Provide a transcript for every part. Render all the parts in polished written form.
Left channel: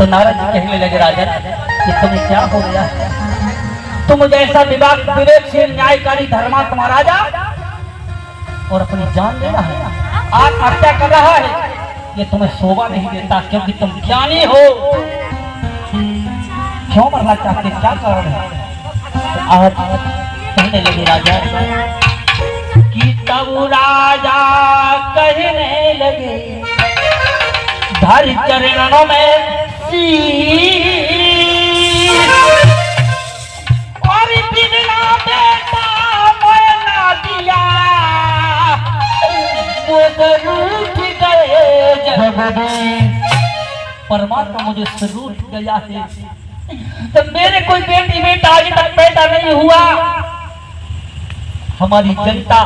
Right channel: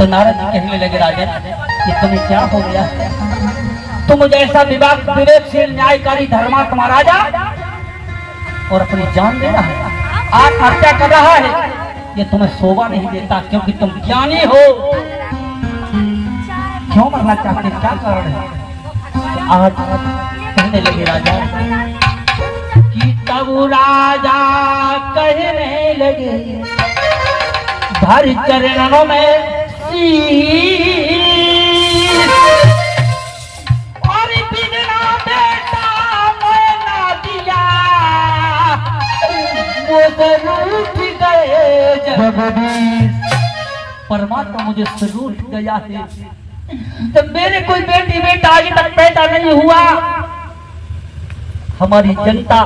तो नारद जी कहने लगे राजन कि तुम्हें क्या हो गया, तुम जैसा विवेक विवेकशील न्यायकारी धर्मात्मा राजा और अपनी जान दे रहा है, आत्महत्या कर रहा है, ये तुम्हें शोभा नहीं देता क्योंकि तुम ज्ञानी हो। क्यों मरना चाहते, क्या कारण है? आज कहने लगे राजा कि तब राजा कहने लगे धर चरणों में और बिना बेटा मैं ना दिया वो रूठ गए जगदीश। परमात्मा मुझे से रूठ गया है, तो मेरे कोई बेटी बेटा आज तक पैदा नहीं हुआ। हमारी जनता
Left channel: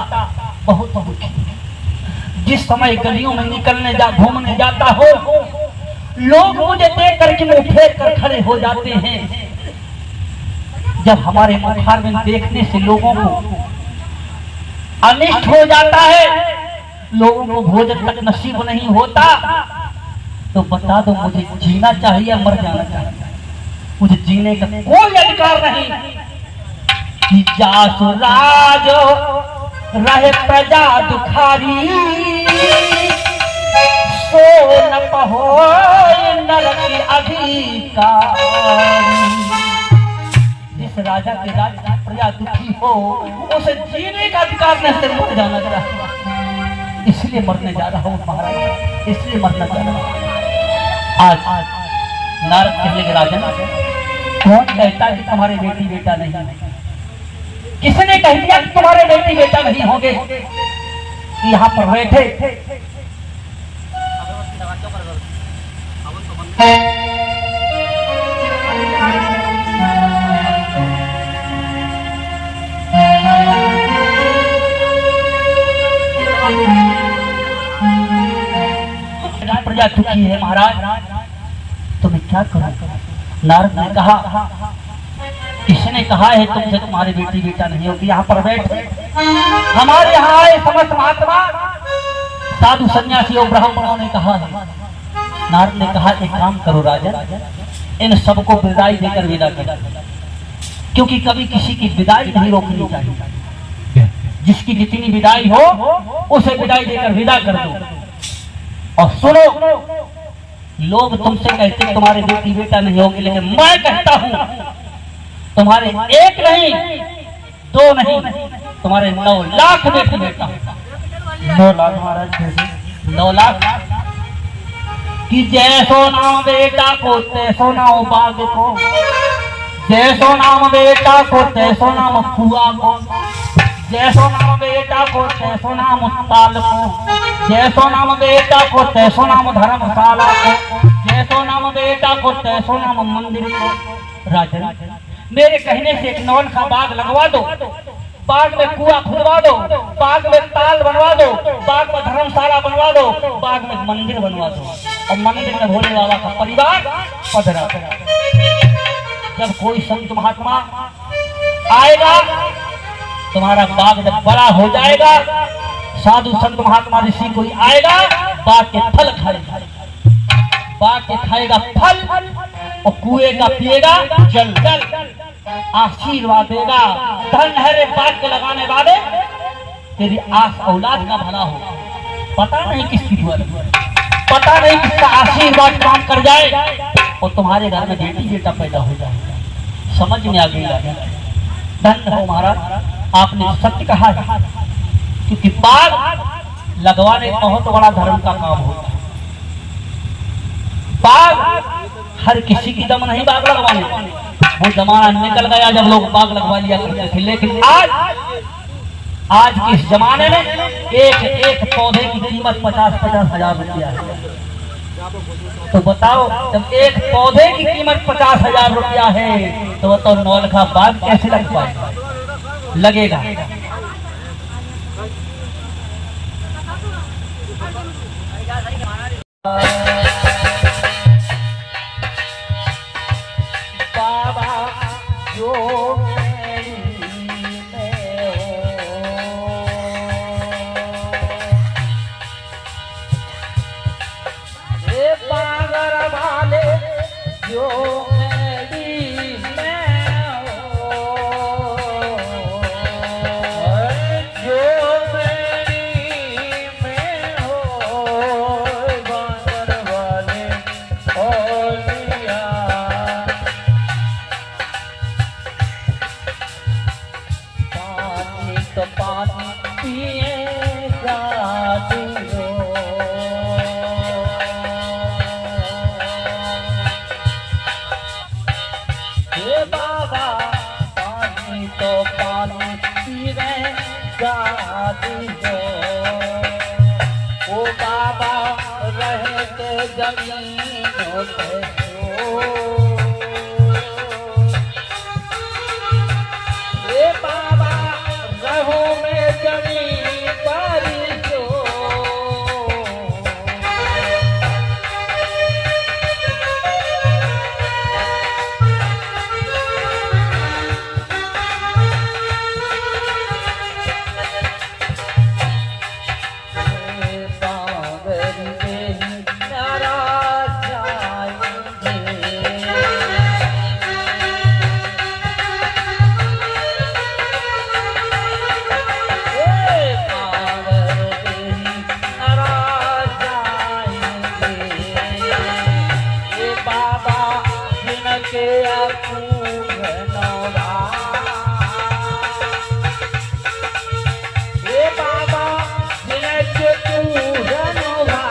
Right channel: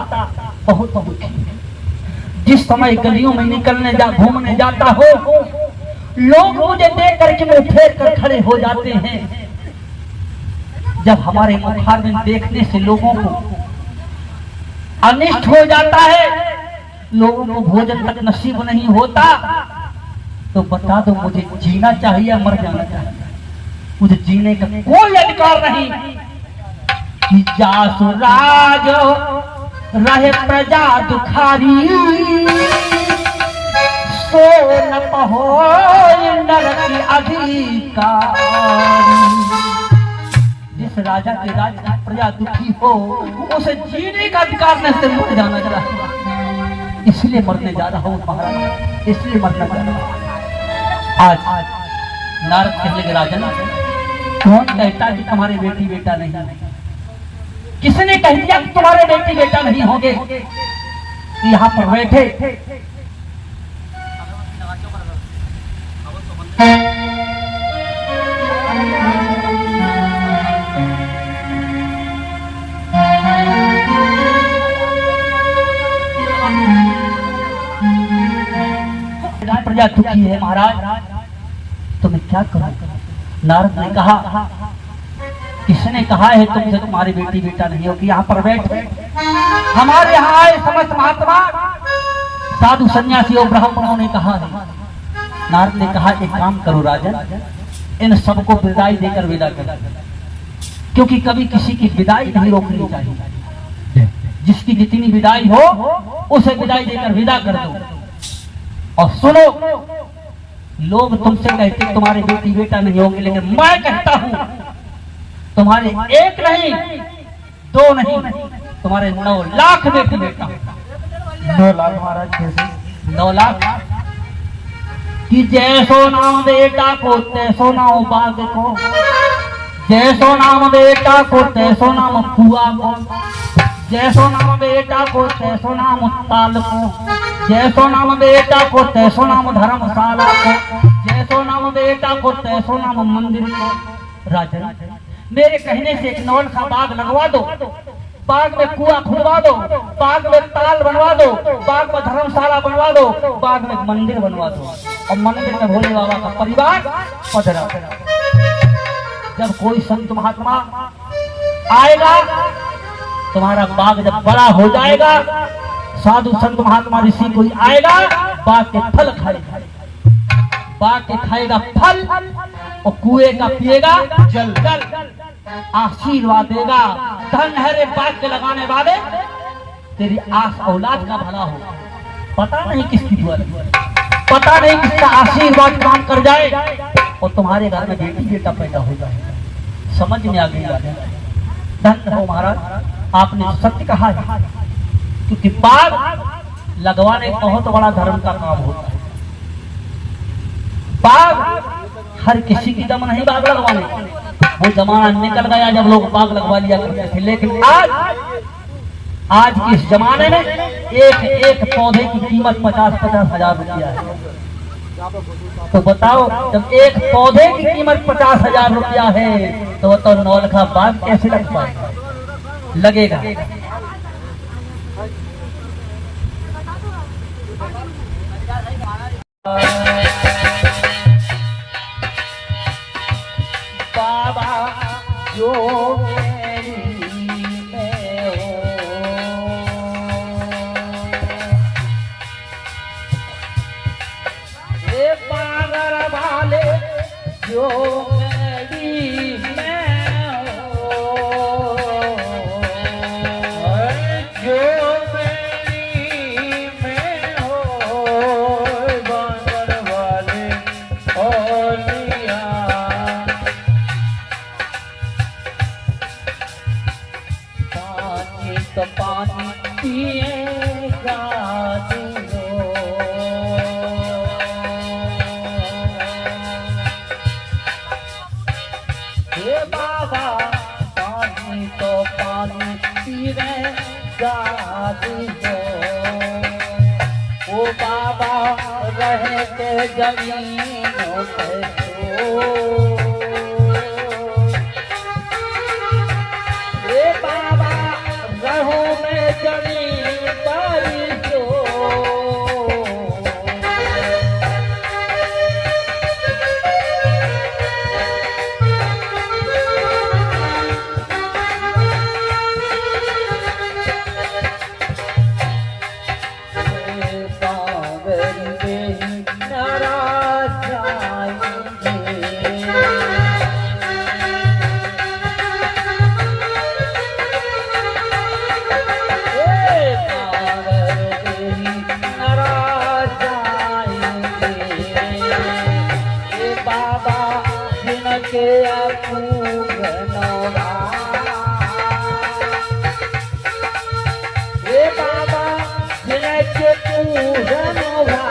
बहुत दुखी है। जिस समय गलियों में निकलने घूमने जाता हो, लोग मुझे देख करके मुंह फेर कर खड़े हो जाते हैं। जब हमारे मुखार में देखने से लोगों को अनिष्ट हो जाता है, लोगों को भोजन तक नसीब नहीं होता, तो बता दो मुझे जीना चाहिए या मर जाना चाहिए? मुझे जीने का कोई अधिकार नहीं। कि जासु राज रहे प्रजा दुखारी, सो न पहो नरक अधिकारी। जिस राजा के राज की प्रजा दुखी हो, उसे जीने का अधिकार नहीं, से मर जाना चाहिए। इसलिए मरने जा रहा हूँ महाराज, इसलिए मरना जा रहा हूँ। आज नारद कहने के राजन, कौन कहता कि तुम्हारे बेटी बेटा नहीं है? किसने कह दिया कि तुम्हारे बेटी बेटा नहीं होंगे? यहाँ पर बैठे प्रजा दुखी है महाराज, तो मैं क्या करूं? नारद ने कहा, किसने कहा है तुमसे तुम्हारी बेटी बेटा नहीं होगी? यहाँ पर बैठे हमारे यहाँ आए समस्त महात्मा साधु सन्यासी और ब्राह्मणों ने कहा है। नारद ने कहा, एक काम करो राजन, इन सबको विदाई देकर विदा कर, क्योंकि कभी किसी की विदाई नहीं रोकनी चाहिए। जिसकी जितनी विदाई हो उसे विदाई देकर विदा कर दो। और सुनो, लोग तुमसे कहते तुम्हारे बेटी बेटा नहीं होंगे, लेकिन मैं कहता हूं तुम्हारे एक नहीं, दो नहीं, तुम्हारे 9 लाख बेटी बेटा। 9 लाख महाराज, 9 लाख। कि जैसो नाम बेटा को तैसो नाम बाग को, जैसो नाम बेटा को तैसो नाम कुआ को, जैसो नाम बेटा को तैसो नाम ताल को, जैसो नाम बेटा को तैसो नाम धर्मशाला को, जैसो नाम बेटा को तैसो नाम मंदिर को। राजन, मेरे कहने से एक नौल का बाग लगवा दो, बाग में कुआं खुदवा दो, बाग में ताल बनवा दो, बाग में धर्मशाला बनवा दो, बाग में मंदिर बनवा दो, और मंदिर में भोले बाबा का परिवार पधरा। जब कोई संत महात्मा आएगा, तुम्हारा बाग जब बड़ा हो जाएगा, साधु संत महात्मा ऋषि कोई आएगा, बाग के फल खाएगा, बाग के खाएगा फल, और कुएं का पिएगा जल, आशीर्वाद देगा। धन है रे बाग के लगाने वाले, तेरी आस औलाद का भला हो। पता नहीं किसकी दुआ, पता नहीं किसका आशीर्वाद काम कर जाए, और तुम्हारे घर में बेटी बेटा पैदा हो जाए। समझ में आ गई? धन हो महाराज, आपने सत्य कहा है, क्योंकि बाग लगवाने बहुत बड़ा धर्म का काम होता है। बाग हर किसी की दम नहीं बाग लगवाने, वो जमाना निकल गया जब लोग बाग लगवा लिया करते थे। लेकिन आज के इस जमाने में एक पौधे की कीमत 50-50 हजार रुपया है। तो बताओ, जब एक पौधे की कीमत 50 हजार रुपया है, तो बताओ 9 लाख बाग कैसे लग पाएगा? लगेगा। जो मेरी में हो, जो मेरी में हो बांगर वाले औलिया, पानी तो पानी पिएगा दियो, हे बाबा पानी तो पानी पिएगा दियो, ओ बाबा रह के जमीनों पे तो, हे बाबा रहो में जमीन बारिशो, हे सावरी देवी नाराज जाएंगे, के अपूर्व नौरा, हे बाबा जिनके तू है नौरा,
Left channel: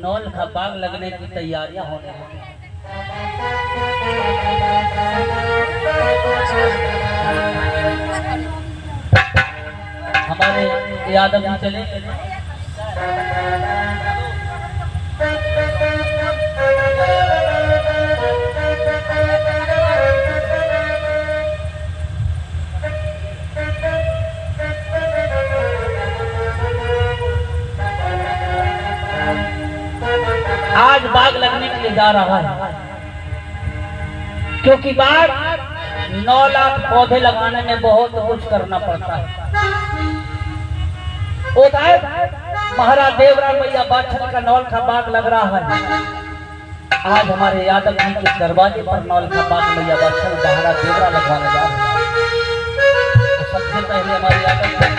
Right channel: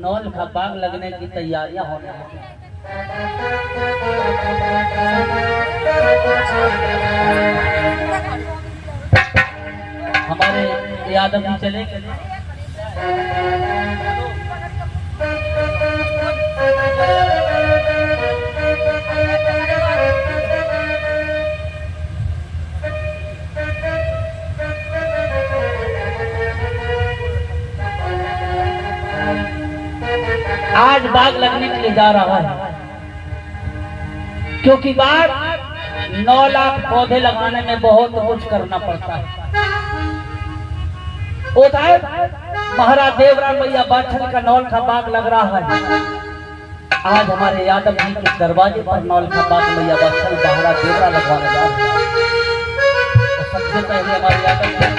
नौल का बाग लगने की तैयारियां हो रही हैं। हमारे यादव जी चले गए। आज बाग लगने के लिए जा रहा है, क्योंकि बाग 9 लाख पौधे लगाने में बहुत कुछ करना पड़ता है। उधर महाराज देवराम भैया बाछल का नौल का बाग लग रहा है। आज हमारे यादव जी के दरवाजे पर नौल का बाग भैया बाछल महाराज देवरा लगवाने जा रहे हैं। तो सबसे पहले हमारे यादव जी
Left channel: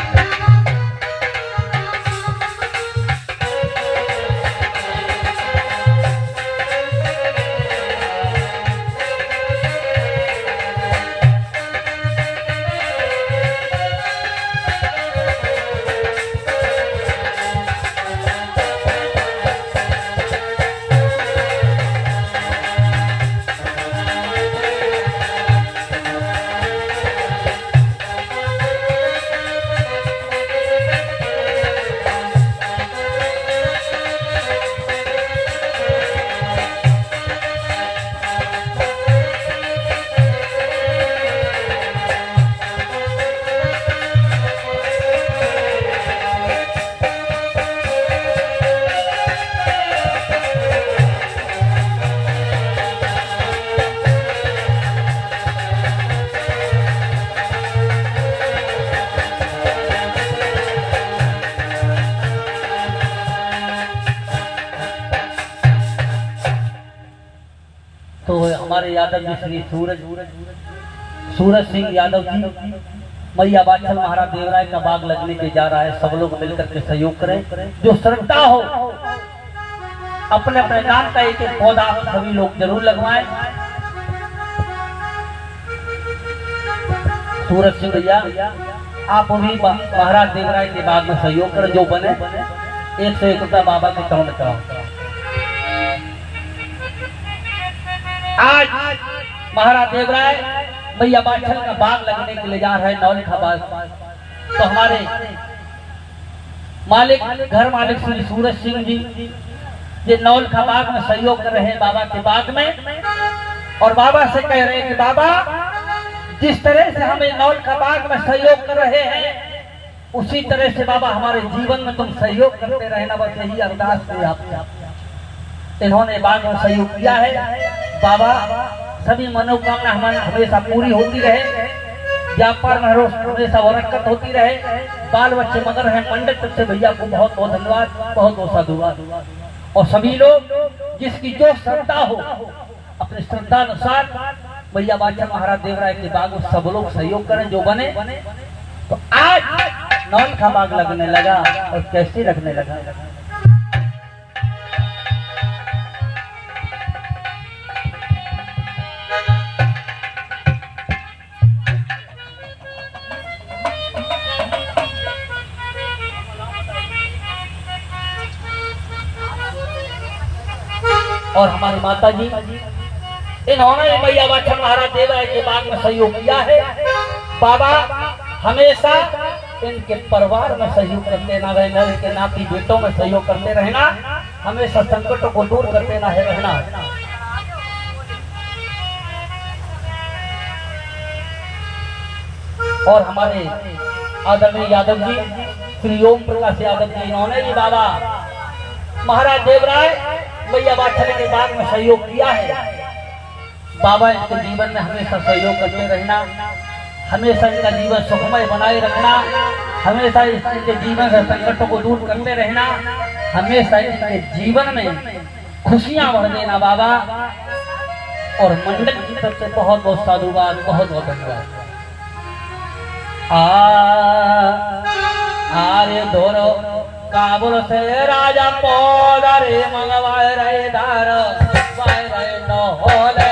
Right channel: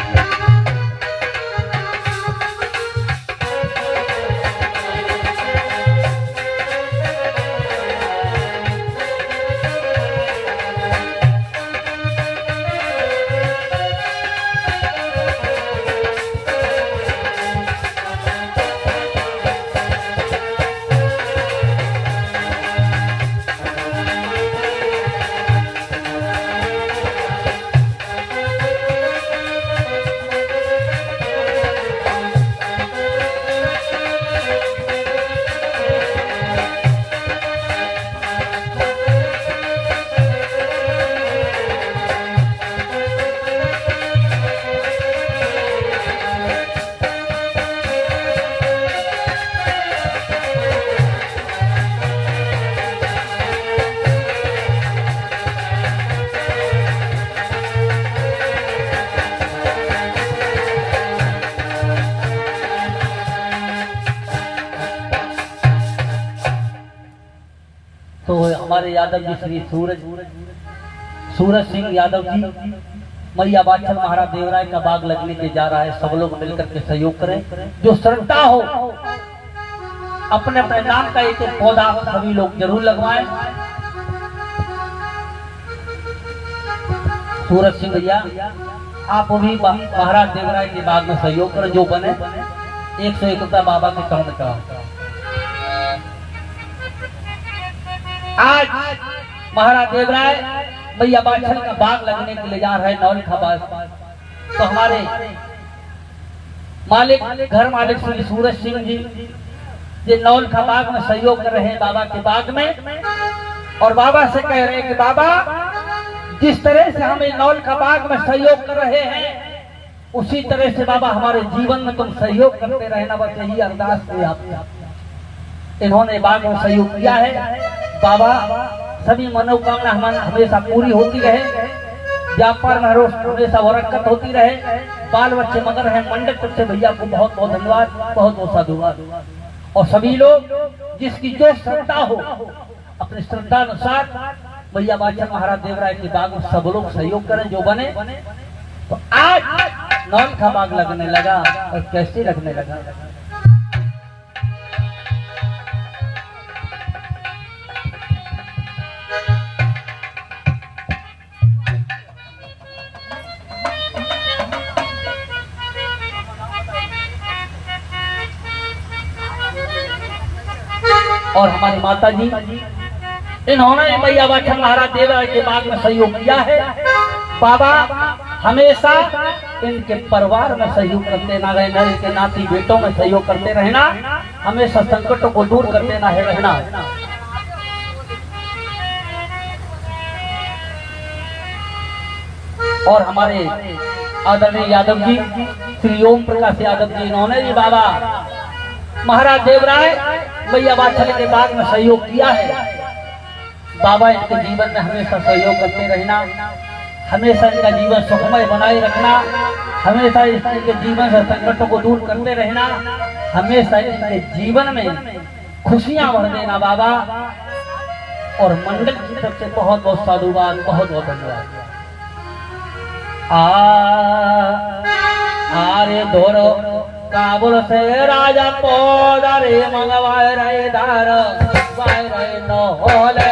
यादव जी श्री सूरज सिंह यादव जी मैया बाछल महाराज देवराय का बाग लगने के जा रहा है। सब लोग मिलकर के सहयोग करें। जो श्रद्धा हो अपने अपने नाम का एक पौधा सभी लोग जरूर लगवाएं। सूरज सिंह भैया आप भी महाराज देवराय के बाग में सहयोग करें। जो बने 101 रुपया बाबा के अकाउंट का। आज महाराज देवराय मैया बाछल का बाग लगने के लिए जा रहे हैं नौलखा बाग। तो हमारे मालिक घर मालिक श्री सूरज सिंह जी ये नौलखा बाग में सहयोग कर रहे हैं बाबा के बाग में। और बाबा से कह रहे हैं कि बाबा जिस तरह से हमें नौलखा बाग में सहयोग कर रहे हैं उसी तरह से बाबा हमारे जीवन में तुम सहयोग करते रहना। बस यही अरदास है आपसे। इन्होंने बाग में सहयोग किया है। बाबा सभी मनोकामना हमारे हमेशा पूरी होती रहे। व्यापार में हमेशा बरकत होती रहे। बाल बच्चे मगर हैं मंडप से भैया को बहुत बहुत धन्यवाद, बहुत बहुत साधुवाद। और सभी लोग जिसकी जो श्रद्धा हो अपनी श्रद्धा अनुसार मैया बाछल महाराज देवराय के बाग में सब लोग सहयोग करें। जो बने तो आज नौलखा बाग लगने लगा। और कैसे लगने लगा? और हमारी माता जी इन्होंने मैया बाछल महाराज देवराय के बाग में सहयोग किया है। बाबा हमेशा इनके परिवार में सहयोग करते ना रहना, इनके नाती बेटों में सहयोग करते रहना, हमेशा संकटों को दूर करते ना रहना। और हमारे आदरणीय यादव जी श्री ओम प्रकाश यादव जी इन्होंने भी बाबा महाराज देवराय मैया बाछल के बाग में सहयोग किया है। बाबा इनके जीवन में हमेशा सहयोग करते रहना, हमेशा इनका जीवन सुखमय बनाए रखना, हमेशा इनके जीवन से संकटों को दूर करते रहना, हमेशा इनके जीवन में खुशियां भर देना बाबा। और मंडल की तरफ से बहुत बहुत साधुवाद, बहुत बहुत धन्यवाद। आरे धोरो काबुल से राजा पौधारे मंगवाए रहे दार वाए रहे न होले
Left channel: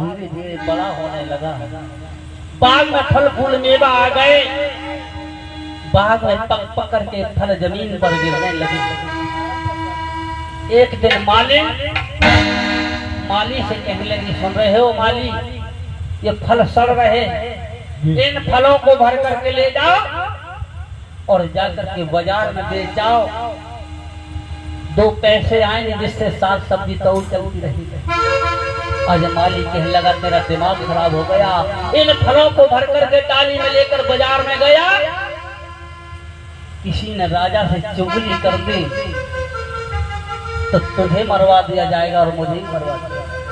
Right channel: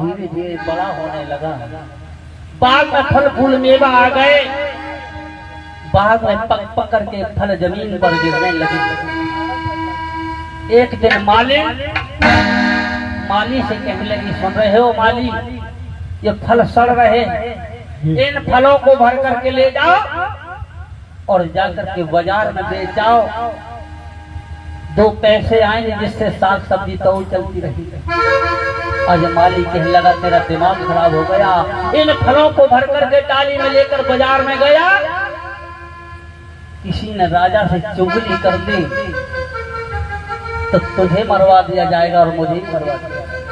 धीरे धीरे बड़ा होने लगा। बाग में फल फूल मेवा आ गए, बाग में पक पक करके फल जमीन पर गिरने लगे। एक दिन माली से कहने लगी, सुन रहे हो माली, ये फल सड़ रहे हैं, इन फलों को भर करके ले जाओ और जाकर के बाजार में बेच जाओ, 2 पैसे आएंगे जिससे साग सब्जी तो चलती रहेगी। आज माली कहने लगा, तेरा दिमाग खराब हो गया। इन फलों को भर करके डाली में लेकर बाजार में गया, किसी ने राजा से चुगली कर दी तो तुझे मरवा दिया जाएगा और मुझे भी मरवा दिया जाएगा।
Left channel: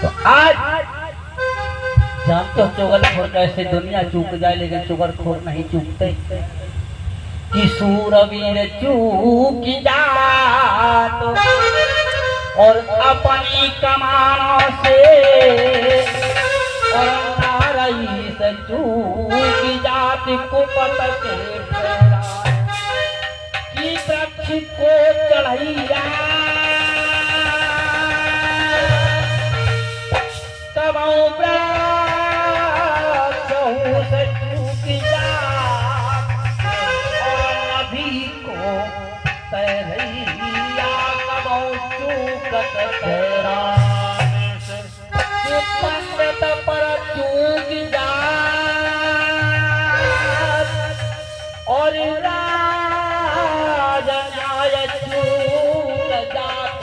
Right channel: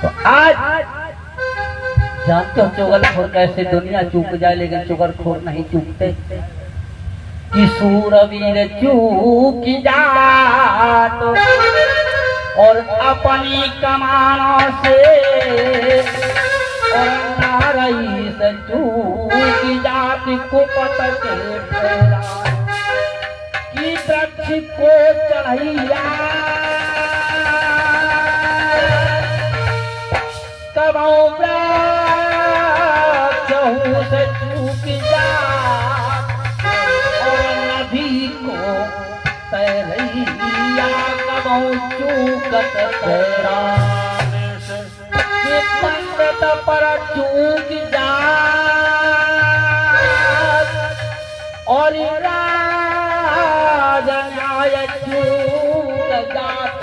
तो आज जानते हो चुगलखोर कैसे दुनिया चूक जाए, लेकिन चुगलखोर नहीं चूकते। कि सूरवीर चूक जात और अपनी कमानों से, और नारई से चूक जात कुपत के फेरा, कि वृक्ष को चढ़ैया कबो से चूक जात, और नदी को तैरैया कबो चूकत तेरा, पंडित पर चूक जात और राज न्याय चूक जात,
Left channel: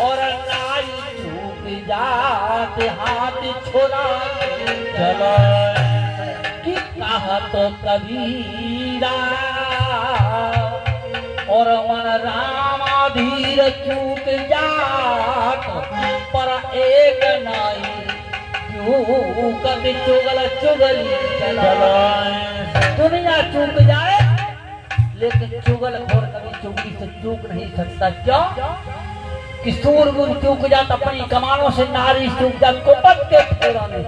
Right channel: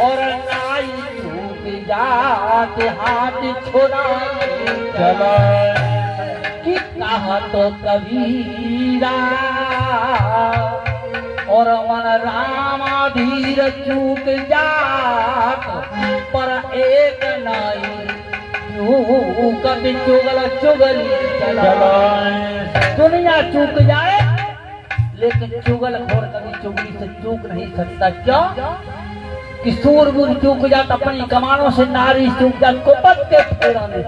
और न्याय चूक जात हाथ छोड़ा चला। कि कहा तो कबीरा और मन रामाधीर चूक जात, पर एक नाई चूकत चुगल चुगली चलाए। दुनिया चूक जाए लेकिन चुगलखोर कभी चुगली से चूक नहीं सकता। क्यों? कि सूरवीर चूक जात अपनी कमानों से, नारी चूक जात कुपत के फेरा में।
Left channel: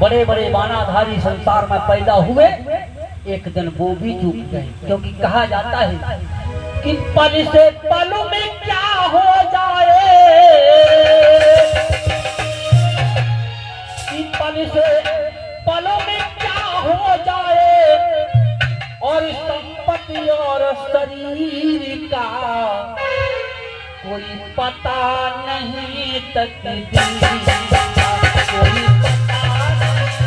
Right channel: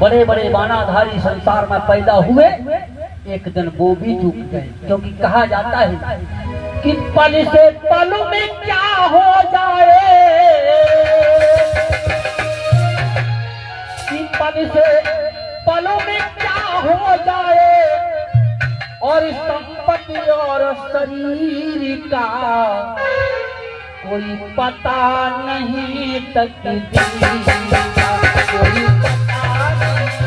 बड़े बड़े बानाधारी संसार में पैदा हुए, एक दिन वो भी चूक गए। क्योंकि कहा जाता है कि पल से पल में क्या हो जाए, कि पल से पलों में क्या हो जाए, और संपत्ति और शरीर का कोई पता नहीं, तकदीर का कोई पता नहीं,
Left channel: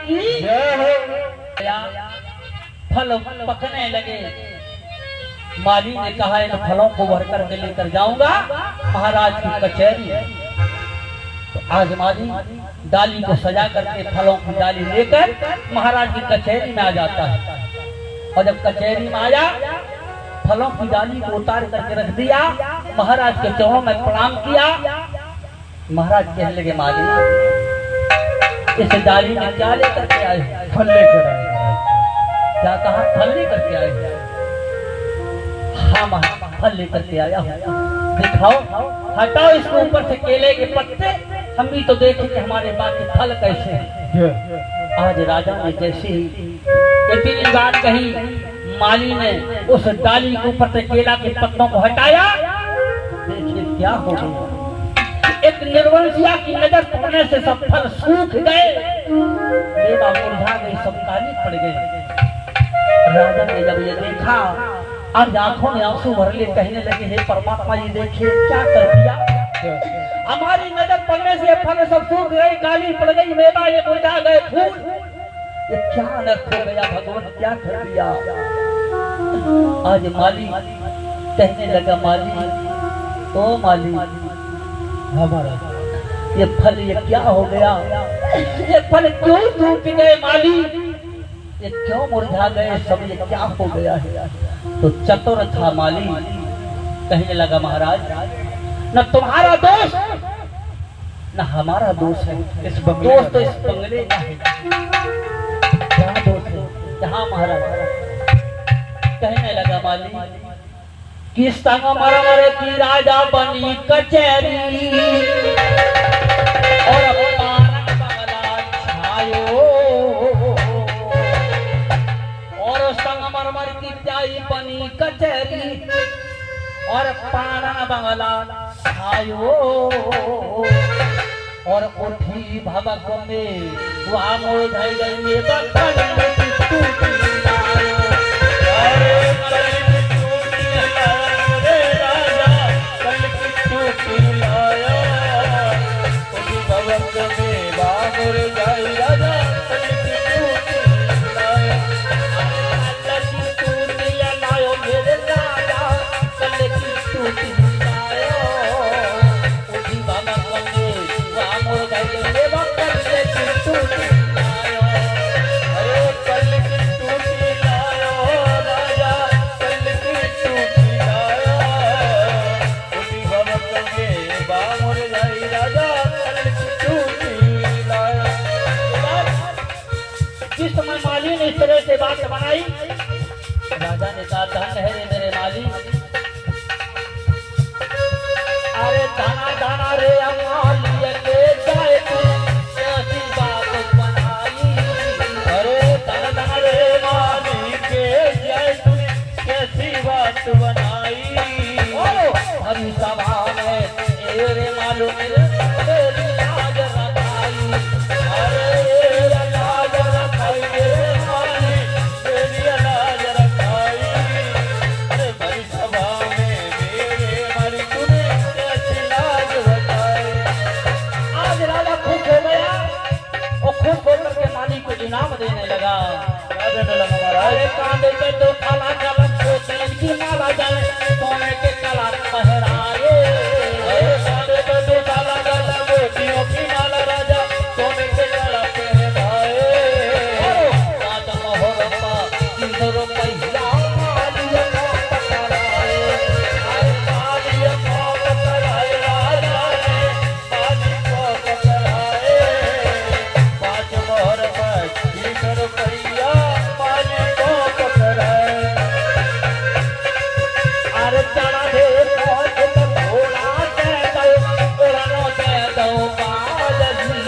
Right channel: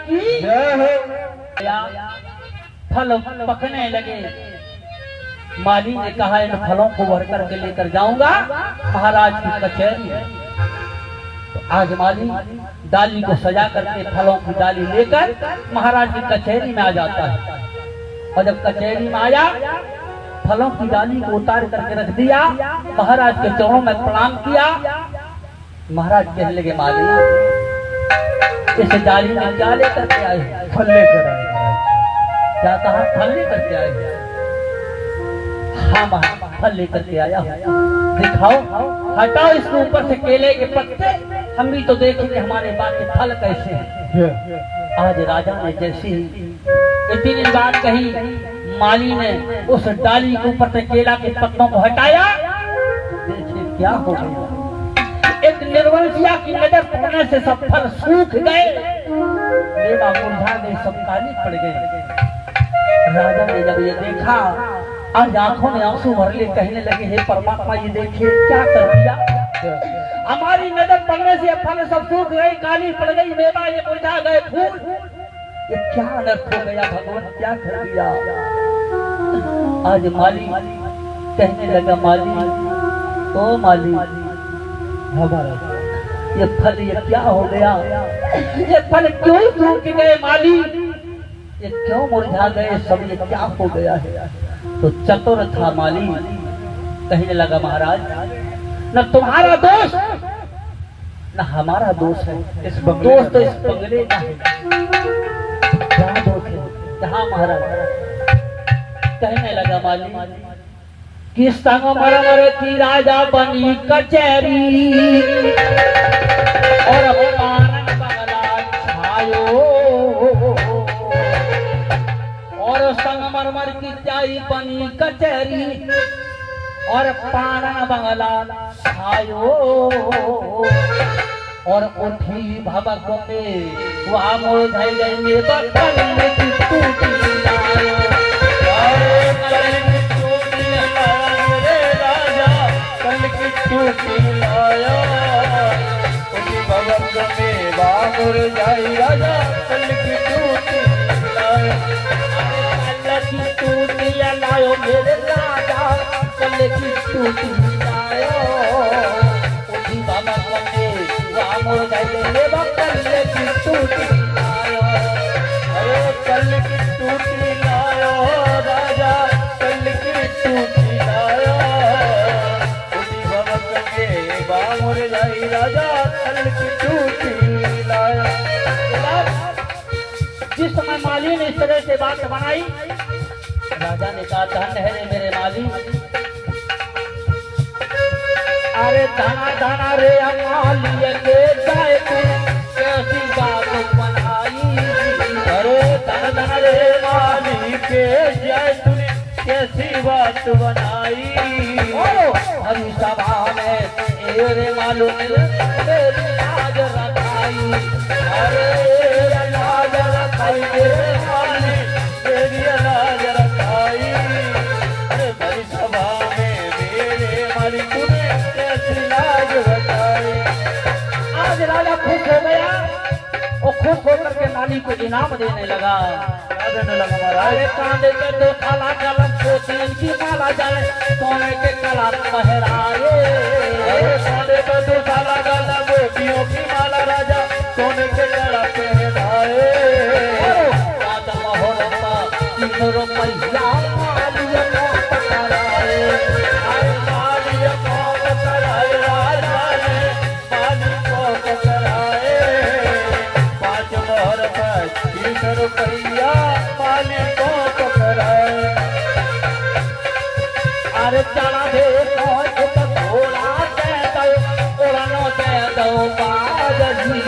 की जय हो। फल पकने लगे। माली ने कहा इन फलों को भर करके लेकर जाऊंगा महाराज की कचहरी। तो आज माली डाली को सजा करके फलों की डाली लेकर महाराज की कचहरी में आ जाता है। और जब कचहरी में आया, फलों की डाली को उतार करके रख दिया, महाराज के चरणों में प्रणाम किया। महाराज कहने लगे माली इस डाली में क्या लेकर के आए? फल लेकर आए। क्या कहा? फल लेकर के आए? हाँ महाराज फल लेकर के आया। दिखाओ, हटाओ इसके ऊपर से केले के पत्ते, हम भी तो देखेंगे हमारे बात के फल कैसे हैं। आज राजा ने जैसे ही इतनी बात कही, माली ने उस डाली के ऊपर से केला के पत्तों को हटाया। देखिए क्या हो गया, एक निर्वंशिया की नजर पड़ने से सब फल सूख गए, मेवा मुरझा गए, सब काली पड़ गई। राजा ने जब ये देखा, आज आंखों में आंसू भर ले, कहने लगे हे परमात्मा ये देखिए क्या कर दिया, हमारी नजर पड़ने से फल सब सूख गए, काली पड़ गई, मेवा ये मुरझा गए, फूल, ये क्या अनर्थ हो गया भगवान, क्या कर दिया। आज माली कहने लगा, माली ओ माली हमारा ये फल ये क्या हो गया, ये फल क्यों सूख गए माली, ये क्यों मुरझा गए सब, ये क्या हो गया है। तो चतुर था माली, कहने लगा महाराज न तुम्हारा दोष न हमारा दोष है, इस बंगले दोष तो इस बंगले का है। क्या दोष है? कहा महाराज? कहने लगा माली कि संगमरमर की राजा बनी कचहरी और पानन बंगला छायो, और संगमरमर की चाई बनी कचहरी और पानन बंगला छायो, और उठी भवक में वहाँ मोड़ धई गई में बक्कल में टूटी लायो। जिस समय माली ने इस तरह से बात बनाई, राजा ने कहा धन है रे मेरे माली, अरे दाना दाना रे माली के जाए तू कैसी बात बनाई, अरे दाना दाना रे माली के जाए तूने कैसी बात बनाई। हरी सभा में रे मालूम मेरी लाज रखाई, अरे अनाज रखाई मेरे माली, मेरी अनाज रखाई। अरे बड़ी सभा में मेरे माली तूने कैसी लाज बचाई। आज राजा खुश हो गया और खुश होकर के माली को इनाम देने लगा। अरे कांधे पे तो काला कलम पोतलन की माला जाए, सोने के कला पहराए, कांधे पे तो काला काला मोतियों की माला राजा सोने के कड़ा पहनाए। राजा महोरता 300 रुपया मालिया को पकड़ाए, मालिया को पकड़ाए, राजा ने माली को पकड़ाए। 5 मोहर पर 300 रुपया माली को पकड़ाए। अरे चढ़ा दे पहुंच तो थोड़ा दे दो, उड़नो दे दो बाजी,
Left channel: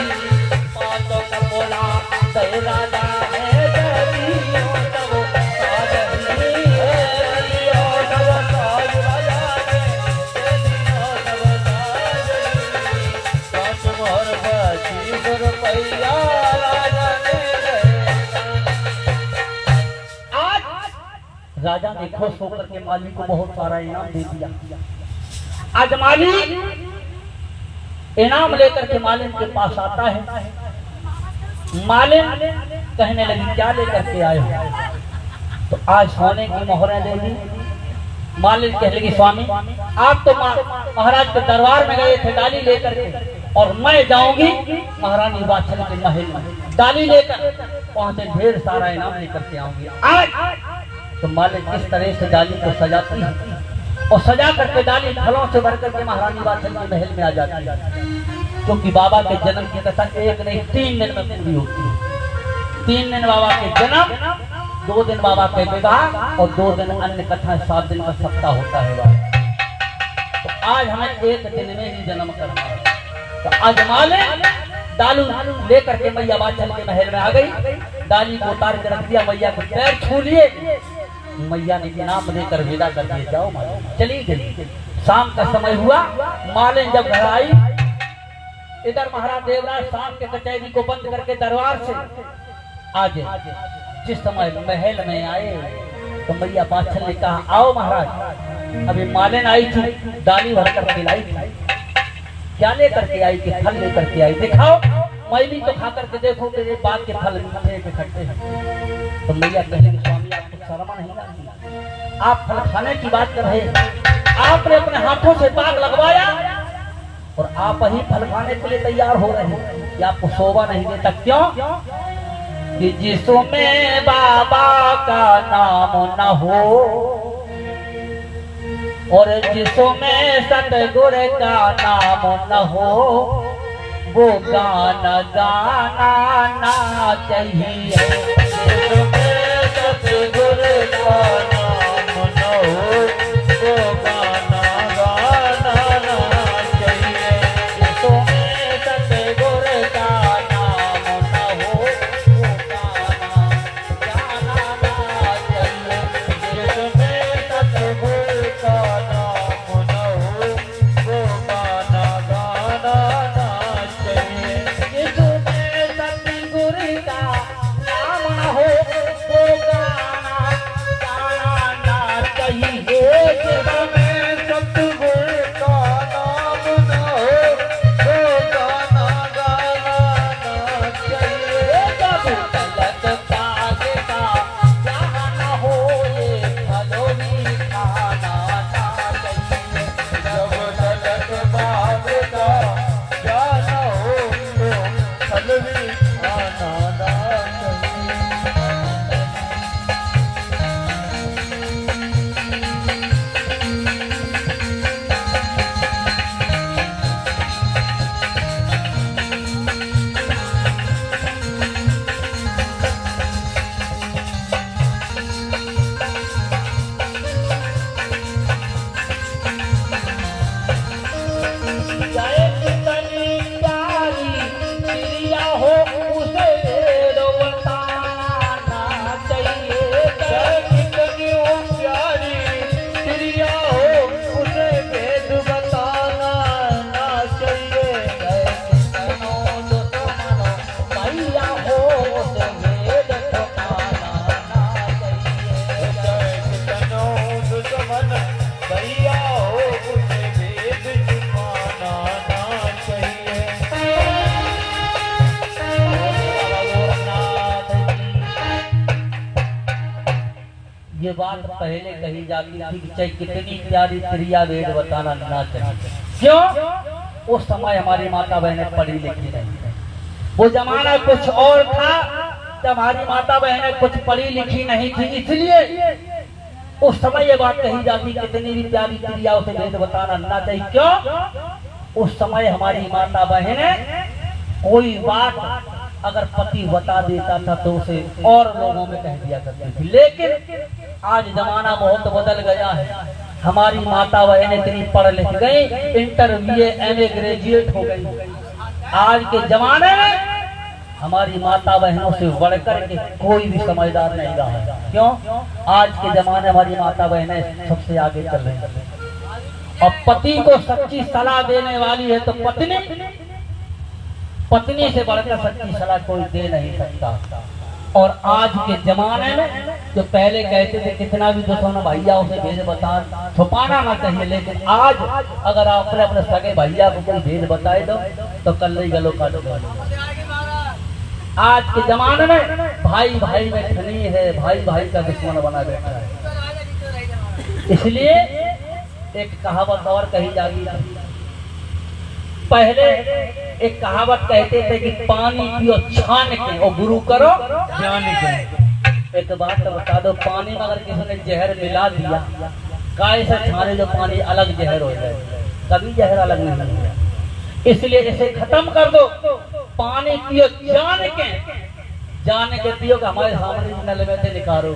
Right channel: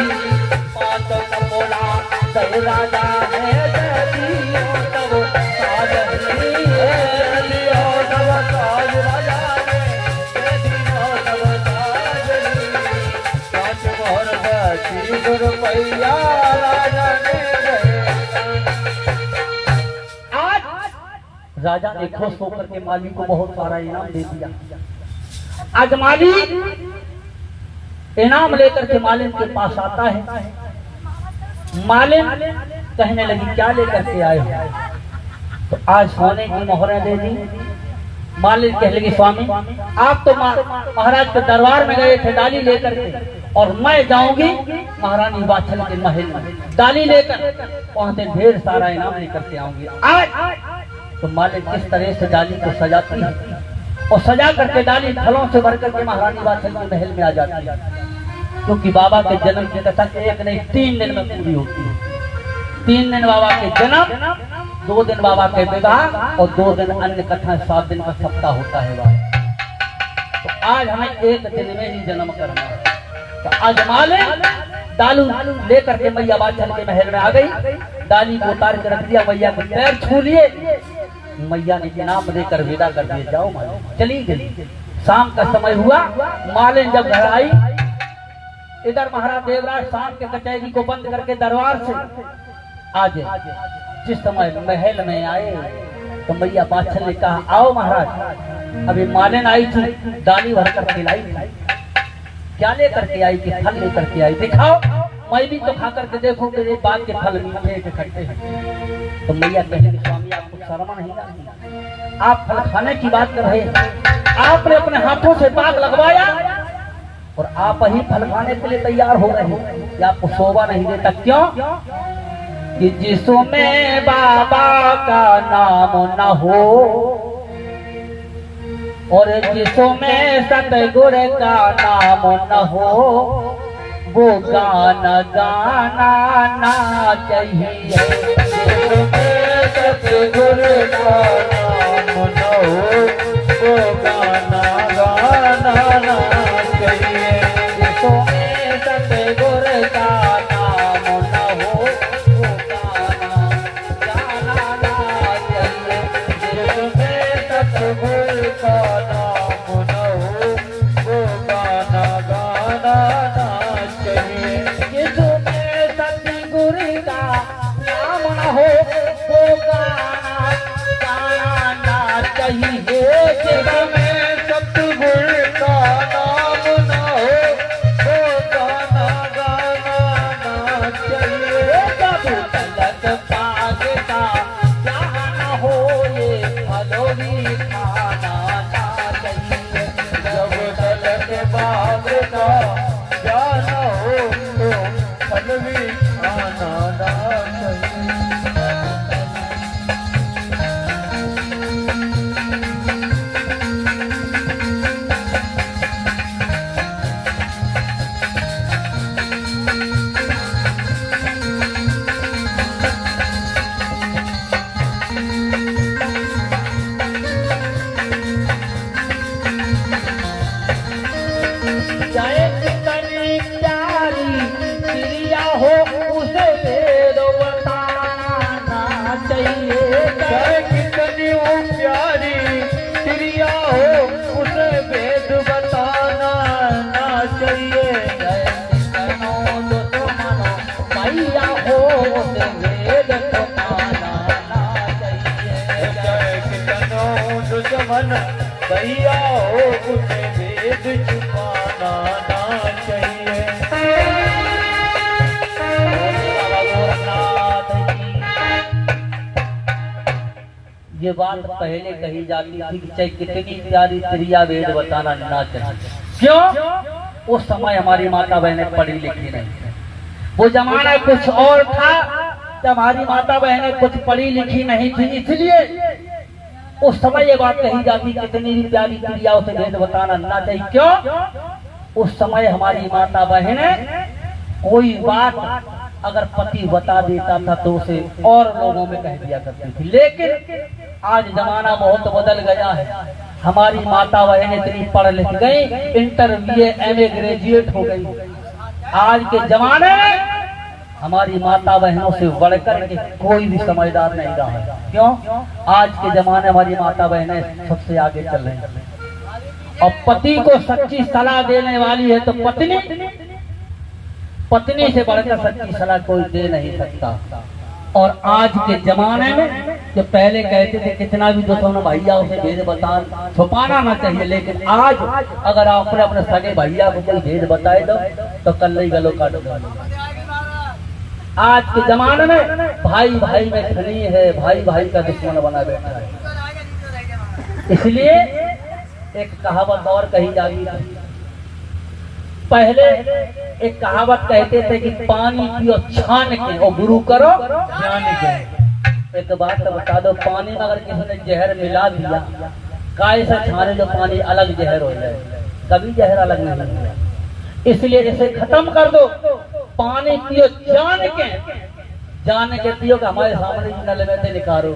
पाँच बोला दे राजा है देवी तब साजही लियो सब साज राजा ने दे दियो सब साजनी। 5 मोहर पर 300 रुपया राजा ने दे। आज राजा ने खुश होकर के माली को बहुत सारा इनाम दे दिया। आज माली इनाम लेकर के मालिक के पास आता है, मालिन कहने लगी क्या लेकर के आए हो? तो आज सोने की मोहरें दे दी। मालिन कहने लगी स्वामी आप तो महाराज के दरबार में गए थे डाली लेकर के, और मैं जाऊंगी महारानी वात्सल के महल में डाली लेकर, वहां से ढेर सारा इनाम लेकर के आऊंगी आज। तो मालिन किस तरह से डाली को सजाती है और सजा करके डाली फलों से भर करके महारानी वात्सल के महल में आ जाती है, क्योंकि बाबा के जन्म की कथा एक नहीं 3 दिन में पूरी होती है। 3 दिन बाबा के जन्म, 2 दिन बाबा के विवाह और 2 दिन अन्य कथा, 7 दिन का सप्ताह होता है बाबा। तो आज हमें 1 दिन में ही जन्म करना है। तो आज मालिन डालू लेकर के मैया वात्सल के महल में आ गई, डाली को उतार कर रख दिया, मैया के पैर छू लिए, मैया ने इनाम देकर विदा कर दिए, जाओ मालिन। चली गई। शाम का समय हुआ, मालिन जब घर आई, इधर महाराज देवराज शाम के कचहरी को बंद करके दरबार से आज जिस समय महल में आए तो मैया वात्सल ने कहा आओ महाराज। अभी मालिन आई थी, डाली भर कर खिलाई थी। क्या लेकर के आई? कि फल लेकर के आई। दिखाओ, मैं भी तो खा करके देखो कि ये बात के फल मीठे के खट्टे हैं। तो मैया कहने स्वामी आपको शर्म नहीं आती? आप फल खाने की बात कर रहे हैं, आपने अपने हाथों से बाग लगवाया और आप ही फल खाने के लिए तैयार हो रहे हैं, कि आपको शोभा नहीं देता? क्यों? कि जिसमें बाबा का नाम न हो और जिसमें सतगुरु का नाम न हो, वो गाना गाना ना चाहिए। जिसमें सतगुरु का नाम न हो, वो गाना गाना ना चाहिए। जिसमें सतगुरु का नाम न हो, वो गाना गाना ना चाहिए। जिसमें सतगुरु का भैया हो उसे भेद छुपाना ना चाहिए। ये बात पहले कही जाती थी कि चाहे कितनी प्यारी क्रिया वेद बताना ना चाहिए। क्यों? उस समय हमारी माता बहनें पढ़ी लिखी नहीं थी, वो जमाना कुछ और था, जब हमारी माता बहनें कुछ पढ़ी लिखी नहीं थी, इसलिए उस समय ये बात कही जाती कितनी भी प्यारी क्रियाओं से भेद बताना ना चाहिए। क्यों? उस समय हमारी माता बहनें कोई बात अगर पति बता देता था तो उसे और लोगों में कह दिया करती थी। लेकिन आज जमाना बहुत बदल गया है, हमारी माता बहनें इतनी पढ़ लिख गई, इंटर BA MA ग्रेजुएट हो गई। आज के जमाने में हमारी माता बहनों से बढ़कर के कोई भी समझदार नहीं रहा है। क्यों? आज के जमाने हमारी माता बहनें सबसे आगे चल रही हैं और पति को सच्ची सलाह देने वाली है तो पत्नी से बढ़कर सच्ची सलाह कोई दे नहीं सकता। और आज के जमाने में जो पहले कहते थे कितना भी दुश्मन भैया उसे भेद बता छुपाना ना चाहिए, लेकिन आज अगर आप अपने सगे भैया को कोई भेद बताए दो तो कल ही गलो काट दो। आज के जमाने में भाई भाई में खनी है, भाई भाई का दुश्मन बना बैठा है। इसलिए एक कहावत और कही जाती है। पहले एक कहावत कहते थे कि पानी पियो छान के और गुरु करो ज्ञान के। एक बात तो बता दो, पानी में अगर किसी ने जहर मिला दिया, काय से छाने जो पानी अलग जहर हो जाए, कभी जहर अलग नहीं होगा। इसलिए इसे खत्म कर दो। पानी पियो जान के पियो, हमारे सामने नल में से निकालो।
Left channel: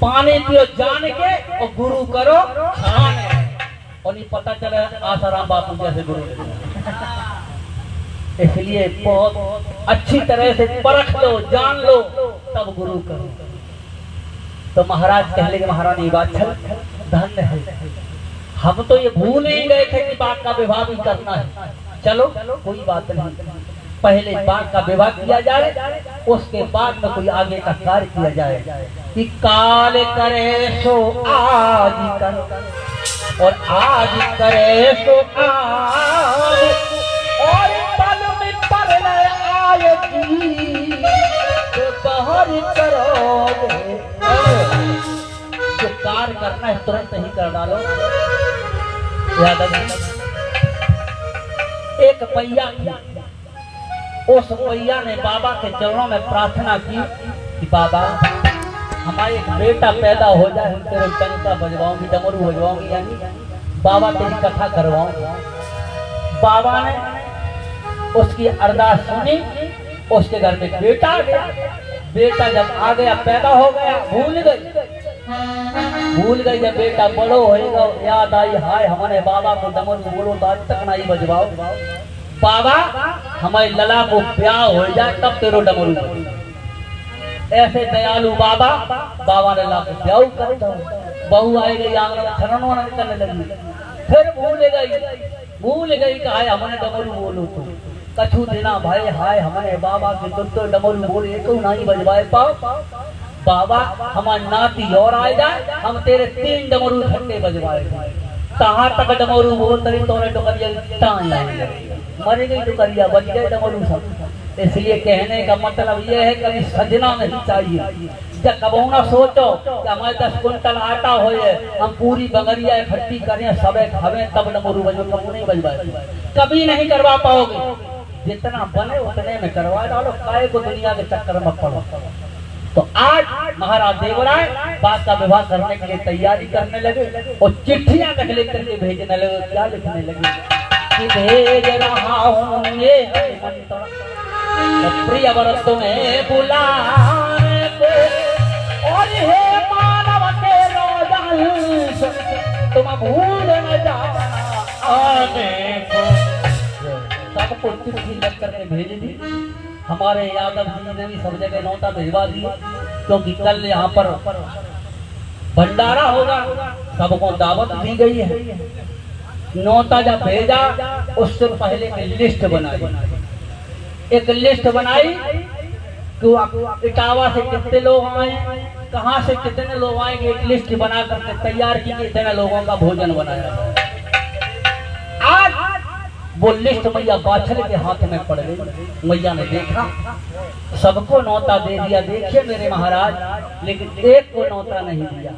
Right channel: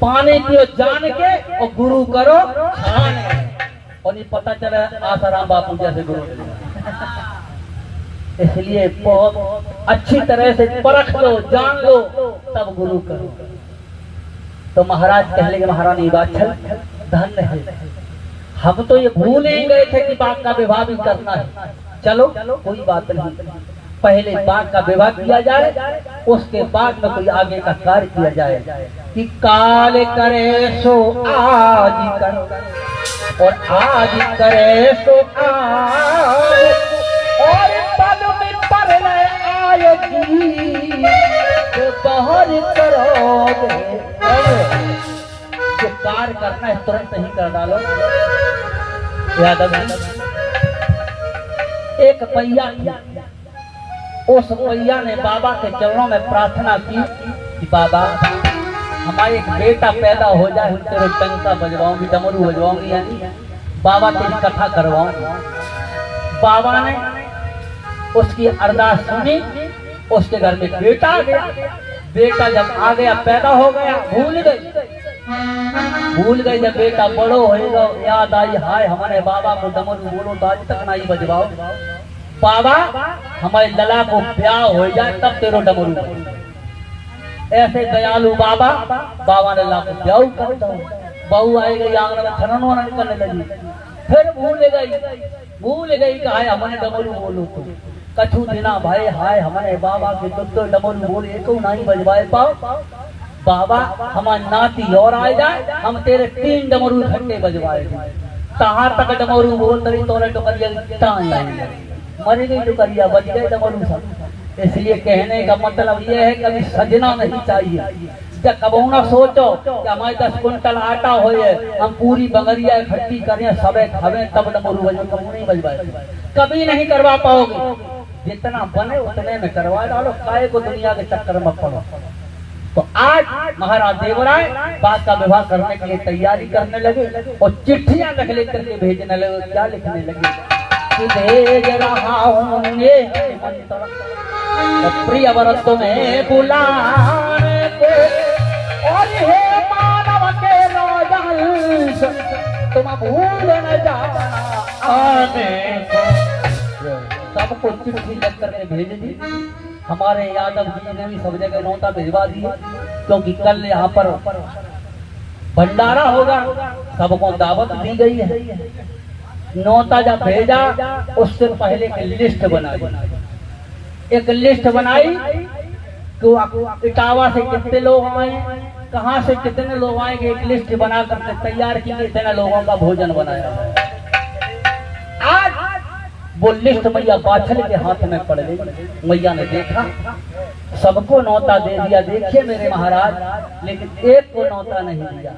पानी पियो जान के और गुरु करो छान के। और नहीं पता चला आसाराम बापू जैसे गुरु। इसलिए बहुत अच्छी तरह से परख लो, जान लो, तब गुरु करो। तो महाराज कहले कि महारानी वात्सल धन्य है। हम तो ये भूल ही गए थे कि बाघ का विवाह भी करना है। चलो कोई बात नहीं, पहले बाघ का विवाह किया जाए, उसके बाद में कोई आगे का कार्य किया जाए। कि काल करे सो आज कर और आज करे सो आज, और पल में पर आएगी तो बाहर करोगे। जो कार्य करना है तुरंत ही कर डालो। याद एक पैया था, उस पैया ने बाबा के चरणों में प्रार्थना की कि बाबा हमारे एक बेटा पैदा हो जाए, तेरे टंका बजवाऊंगी, डमरू बजवाऊंगी, यानी बाबा तेरी कथा करवाऊंगी। बाबा ने उसकी अरदास सुनी, उसके घर में बेटा आ गया। बेटा जब आ गया, पैदा हो गया, भूल गई जब बेटा बड़ो होएगा, याद आई हाय हमारे बाबा को डमरू बोलो तो आज तक नहीं बजवाओ। बाबा हमारे लला को ब्याह हो जाए तब तेरो डमरू। ऐसे दयालु बाबा ने ला को ब्याह कर दो। बहू आई गई, आंगन में छनन वनन करने लगी। फिर भूल गई कि हाय हमारे डमरू बोलो तो कछु दिना भाई हाय हमारे बाबा के तो डमरू बोले तो नहीं बजवाए पाओ। बाबा हमारी नाती और आ जाए, हम तेरे 3 डमरू घंटे बजवाए। कहाँ तक डमरू बोल तरी तोरे टोकरिया मरी गई, टोकरिया बज गए डमरू सब। इसलिए कहने का मतलब ये है कभी सजना नहीं चाहिए। जब कबो ना सोचो कि हमारे 10 कुंटल आटा होए, हम पूरी बंगरिया इकट्ठी करें, सबे खावे तब डमरू बजो, कबू नहीं बजवाए, कभी नहीं करवा पाओगे। जितना बने उतने में करवा डालो, काय को दुनिया के चक्कर में पड़ो। तो आज महाराज देवराय बाघ का विवाह करने के लिए तैयारी करने लगे और चिट्ठियां लिख करके भेजने लगे। क्या लिखने लगे कि भेज रहा हूँ ये प्रियवर तुम्हें बुलाने को, और हे मानव के राजहंस तुम भूल न जाना आने को। सबको चिट्ठी लिख करके भेज दी। हमारे यादव जी ने भी सब जगह नौता भिजवा दी, क्योंकि कल यहाँ पर भंडारा होगा, सबको दावत दी गई है। नौता जब भेजा उससे पहले एक लिस्ट बनाई तो इटावा से कितने लोग आए, कहाँ से कितने लोग आएंगे, एक लिस्ट बना करके तैयार की, इतने लोगों का भोजन बनाया। आज वो लिस्ट मैया बाछल के हाथ में पड़ गई। मैया ने देखा, सबको नौता दे दिया। देखिए मेरे महाराज, लेकिन एक को नौता नहीं दिया,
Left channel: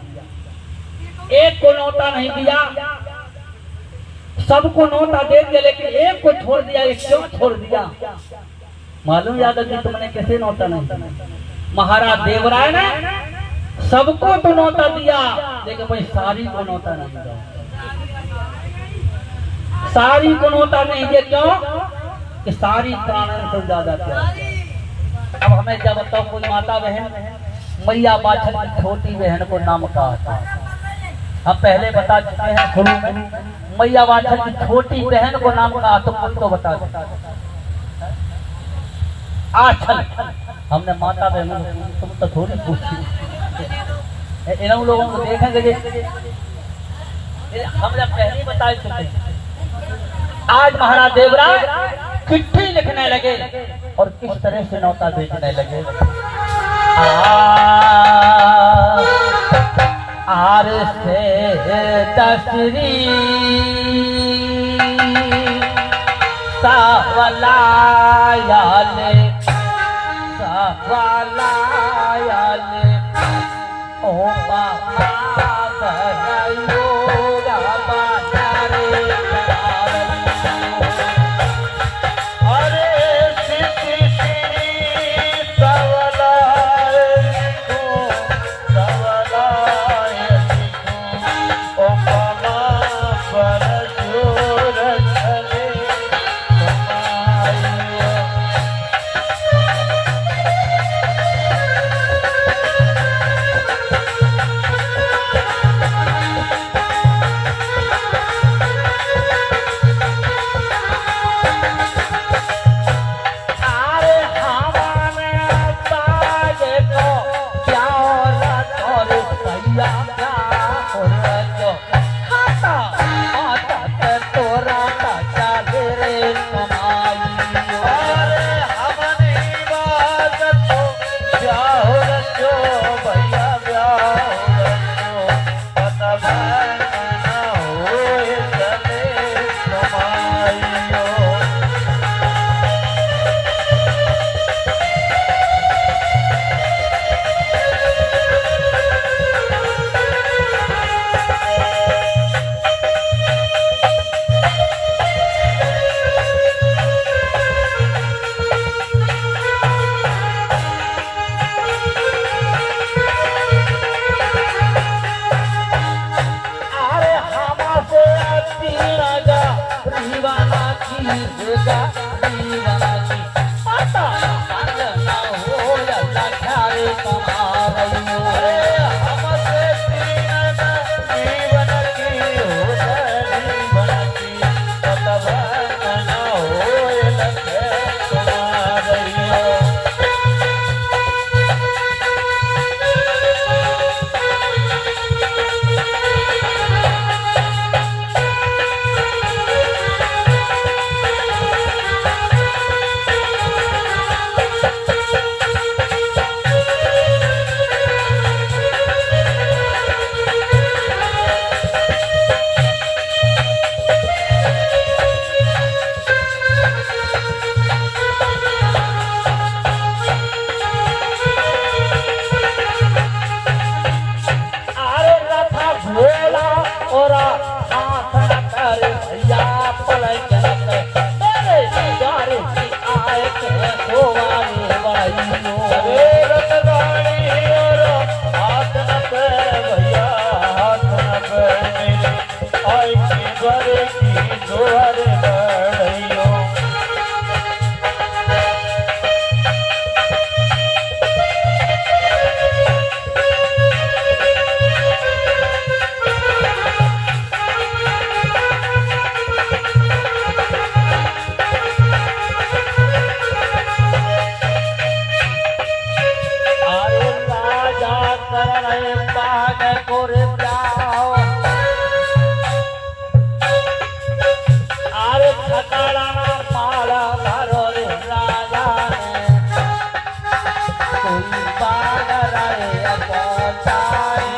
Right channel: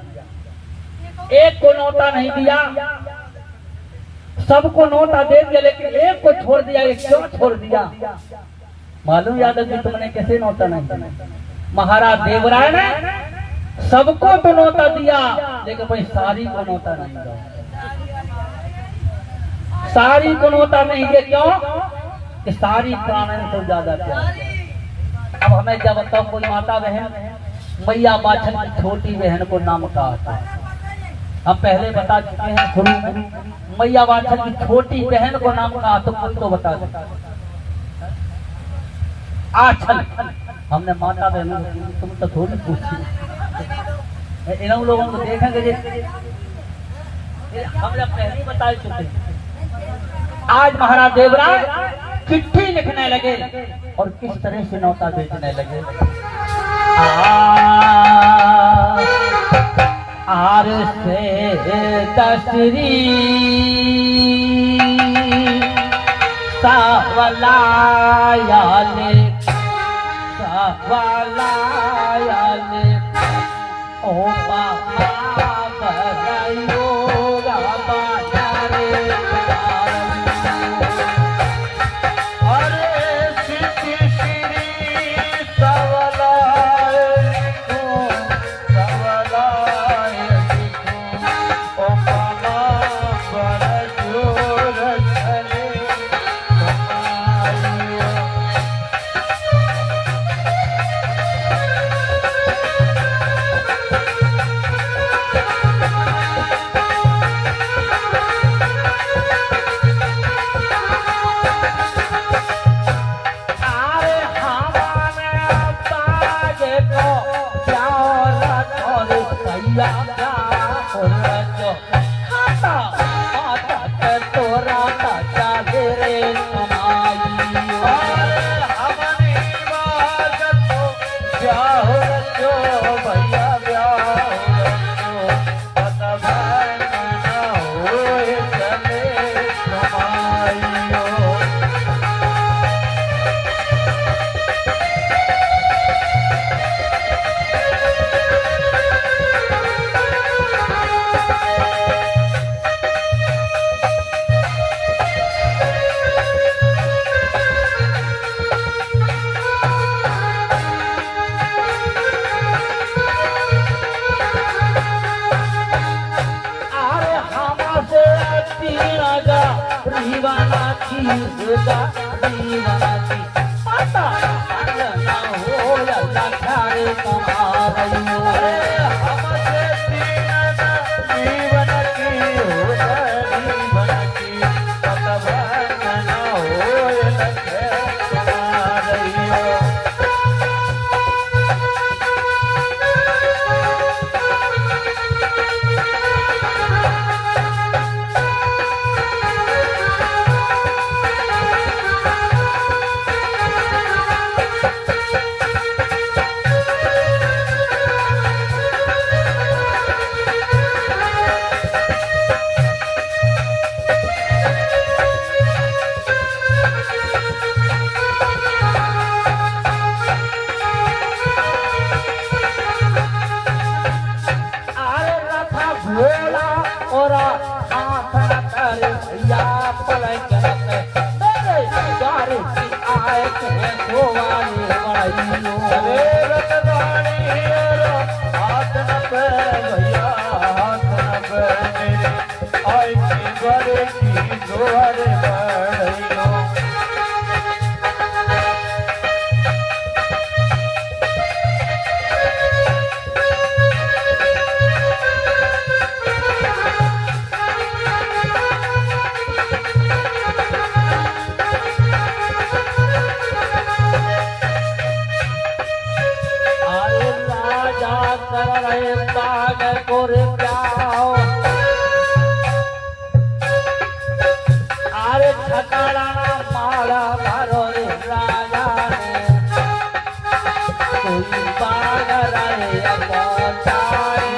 एक को नौता नहीं दिया। सबको नौता दे दिया लेकिन एक को छोड़ दिया। एक क्यों छोड़ दिया मालूम यादव जी तुमने कैसे नौता नहीं दिया? महाराज देवराय ने सबको तो नौता दिया लेकिन भाई सारी को नौता नहीं दिया। सारी को नौता नहीं दिया क्यों? कि सारी प्राण से ज्यादा प्यार। अब हमें जब बताओ कोई माता बहन मैया बाछल की छोटी बहन को नाम कहा था, हम पहले बता चुके हैं शुरू में। मैया बाछल की छोटी बहन को नाम कहा तो कोई तो बता दो। आछल हमने माता बहनों तुम तो थोड़ी पूछी, इन लोगों को देखेंगे हमने पहले बता चुके। आज महाराज देवराय चिट्ठी लिखने लगे और किस तरह से नौता भेजने लगे। आर से दशरी सावलाया ने कोई बाग राय अपाचारी।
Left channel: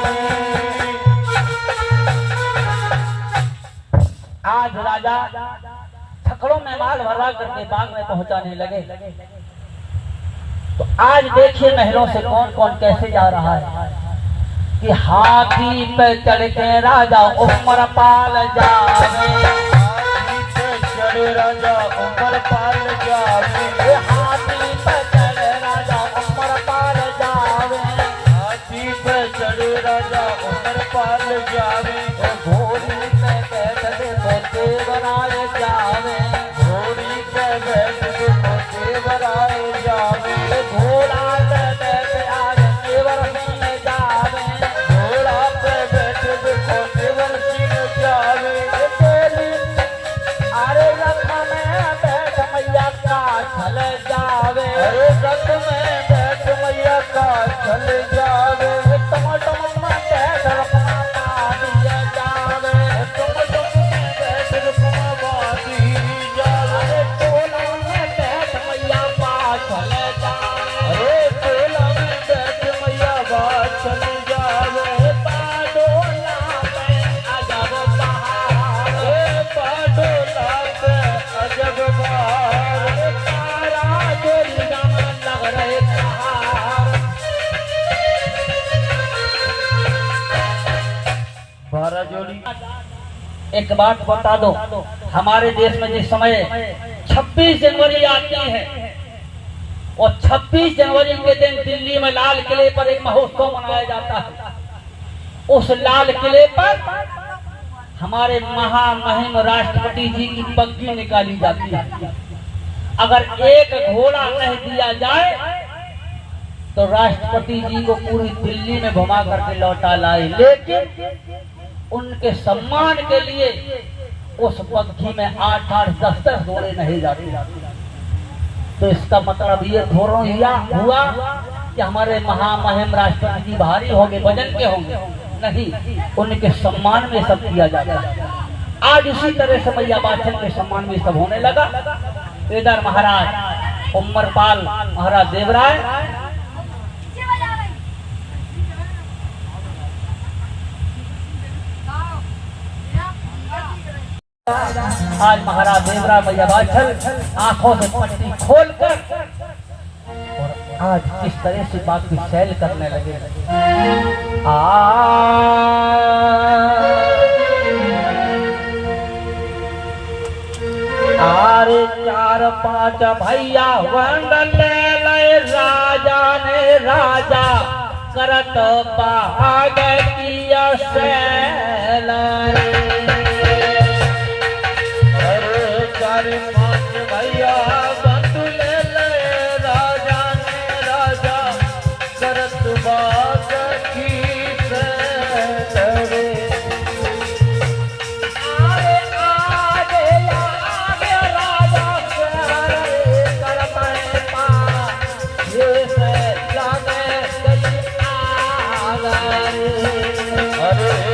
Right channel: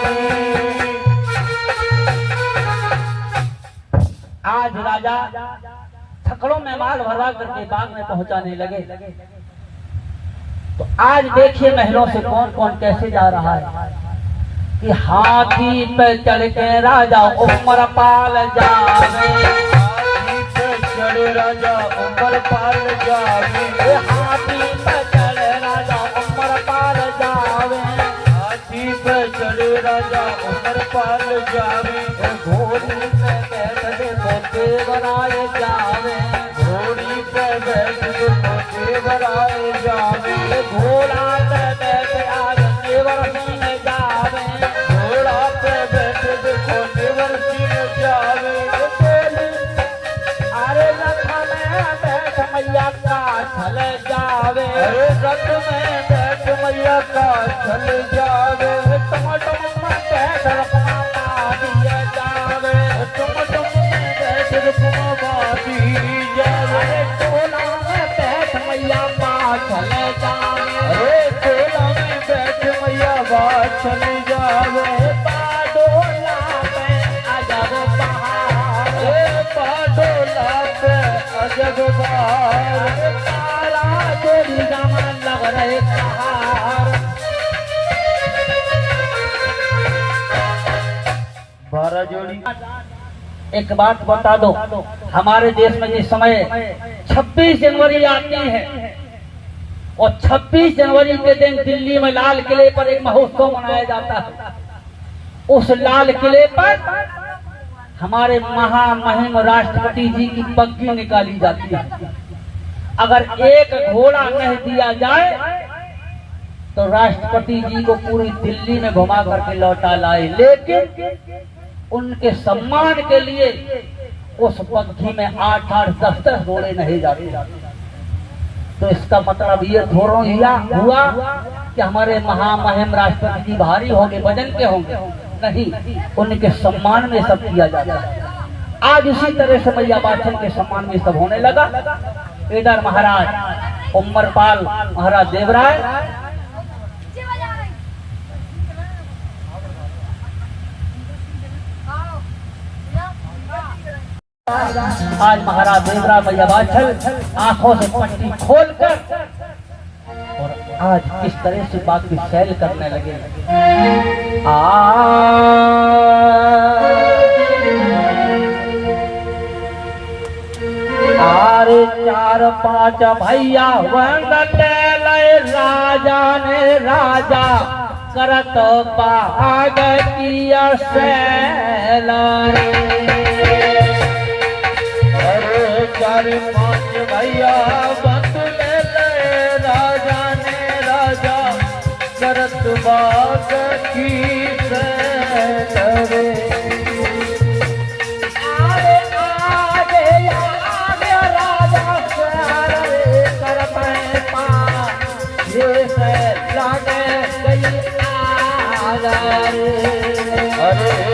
आज राजा छकड़ों में माल भरवा करके बाग में पहुंचाने लगे। तो आज देखिए महलों से कौन कौन कैसे जा रहा है कि हाथी पे चढ़ के राजा उमरपाल जावे, हाथी पे चढ़े राजा उमरपाल जावे, हाथी पे चढ़े राजा उमरपाल जावे, हाथी पे चढ़े राजा उमरपाल जावे, घोड़ी पे बैठ देखो देवराय जावे, घोड़ी पे बैठ देखो देवराय जावे, घोड़ा पे बैठ आज देवर सिंह जावे, घोड़ा पे बैठ देखो देवर सिंह जावे, अरे रथ में बैठ मैया का चल जावे, अरे रथ में बैठ मैया का चल जावे, टम टम में बैठ रखना दिया जावे, टम टम में बैठ रुकमा दी जावे, टोला में बैठ मैया का चल जावे, अरे टोला में बैठ मैया बात चल जावे, बाडोला पे अजब बहार, अरे बाडोला पे अजब बहार, तारा तेरी दामन लग रहे कहार। 12 जोड़ी। एक बात बता दो, हमारे देश में जिस समय 26 जनवरी आती है और 26 जनवरी के दिन दिल्ली में लाल किले पर एक महोत्सव मनाया जाता है। उस लाल किले पर हमारे महामहिम राष्ट्रपति जी की पग्गी निकाली जाती है। अगर एक घोड़ा नहीं दिया जाए तो राष्ट्रपति जी को पूरी दिल्ली में घुमा करके लौटा लाए, लेकिन उनके सम्मान के लिए उस पग्घी में 8-8, 10-10 घोड़े नहीं जाते। तो इसका मतलब ये थोड़ा हुआ कि हमारे महामहिम राष्ट्रपति जी भारी होंगे, वजन के होंगे, नहीं, उनके सम्मान में सब किया जाता है। आज उसी तरह से मैया बाछन के सम्मान में सब होने लगा। इधर महाराज उमरपाल महाराज देवराय आज महाराज देवराय मैया बाछल आंखों से पट्टी खोलकर और आज किस तरह से बाकी सैल करने लगे। आरे 4-5 भैया वंगले लय राजा ने राजा करत बाग किया सैल। 4-5 भैया बंदुले ले राजा ने राजा करत बाग की सैल। अरे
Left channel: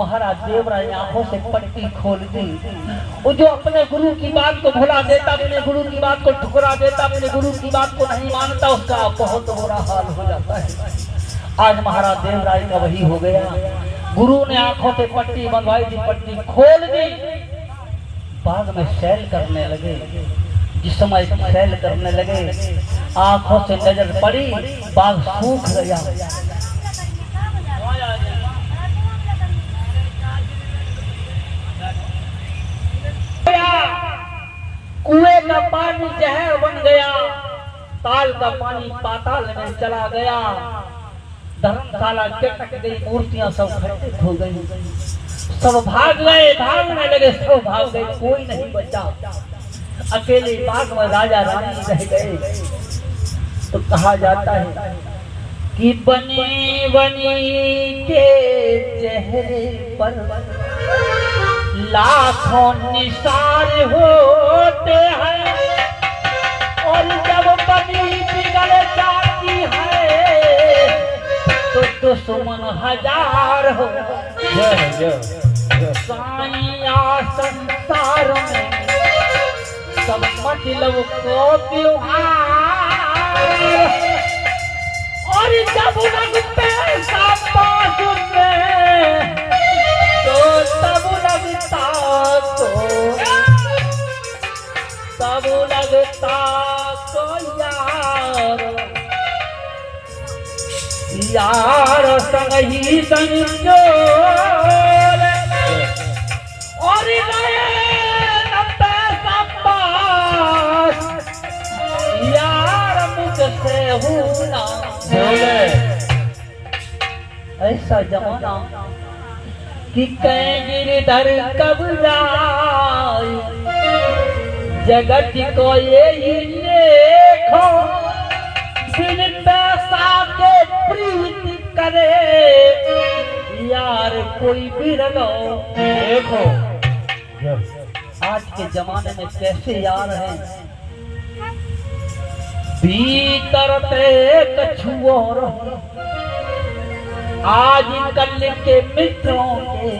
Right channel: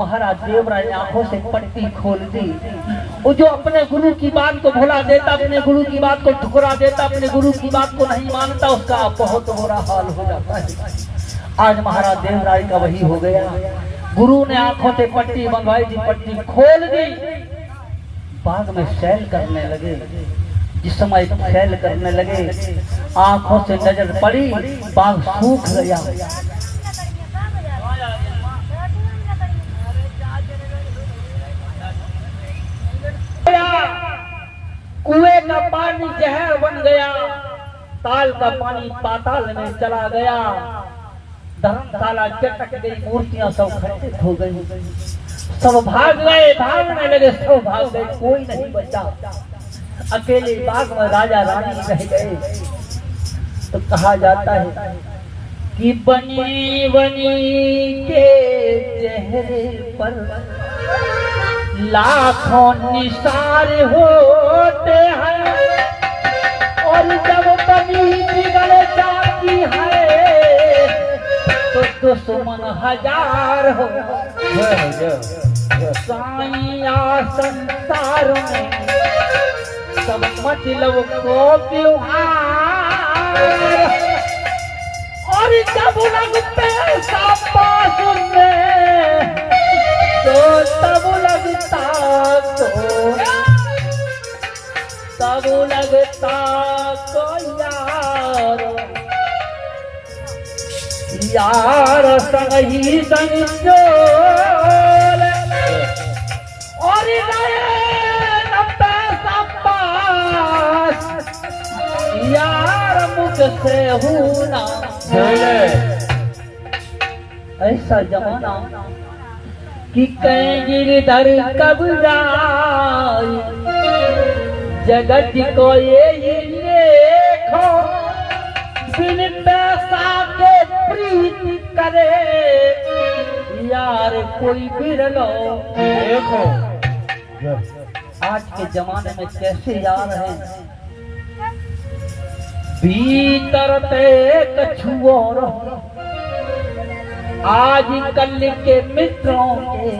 महाराज देवराय ने आंखों से पट्टी खोल दी। वो जो अपने गुरु की बात को भुला देता, अपने गुरु की बात को ठुकरा देता, अपने गुरु की बात को नहीं मानता, उसका बहुत बुरा हाल हो जाता है। आज महाराज देवराय का वही हो गया। गुरु ने आंखों से पट्टी बंधवाई दी, पट्टी खोल दी, बाग में सैल करने लगे। जिस समय सैल करने लगे, आंखों से नजर पड़ी, बाग सूख गया। कुएं का पानी जहर बन गया, ताल का पानी पाताल में चला गया, धर्मशाला चटक गई, मूर्तियां सब खंडित हो गई, सब भाग गए, भागने लगे, सब भाग गए, कोई नहीं बचा। अकेले बाग में राजा रानी रह गए। तो कहा जाता है कि बनी बनी के चेहरे पर लाखों निशान होते हैं, और जब बनी बिगड़ जाती है तो दुश्मन हजार हो। साइया संसार में सब मतलब को त्योहार, और जब लगते पास में तो तब लगता को यार संग ही संजोल, और यार मुख से हूना। ऐसा जमाना कि कहीं गिरधर कबराई, जगत को ये देखो, बिन पैसा के प्रीति करे, यार कोई बिरलो देखो। आज के जमाने में कैसे यार हैं, भीतर पे कछु और, आज कल के मित्रों के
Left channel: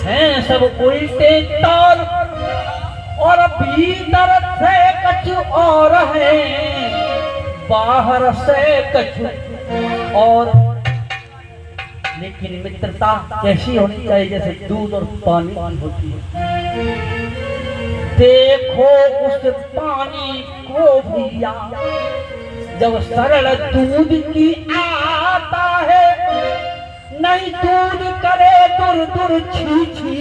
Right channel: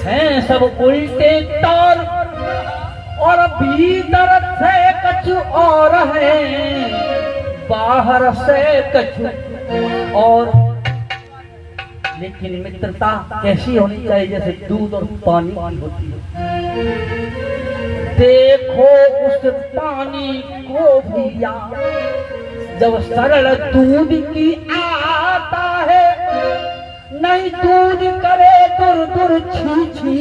हैं सब उल्टे ताल, और भीतर से कछु और हैं, बाहर से कछु और। लेकिन मित्रता कैसी होनी चाहिए, जैसे दूध और पानी होती है। देखो उस पानी को भैया, जब सरल दूध की आता है, नहीं दूध करे दूर दूर छी छी,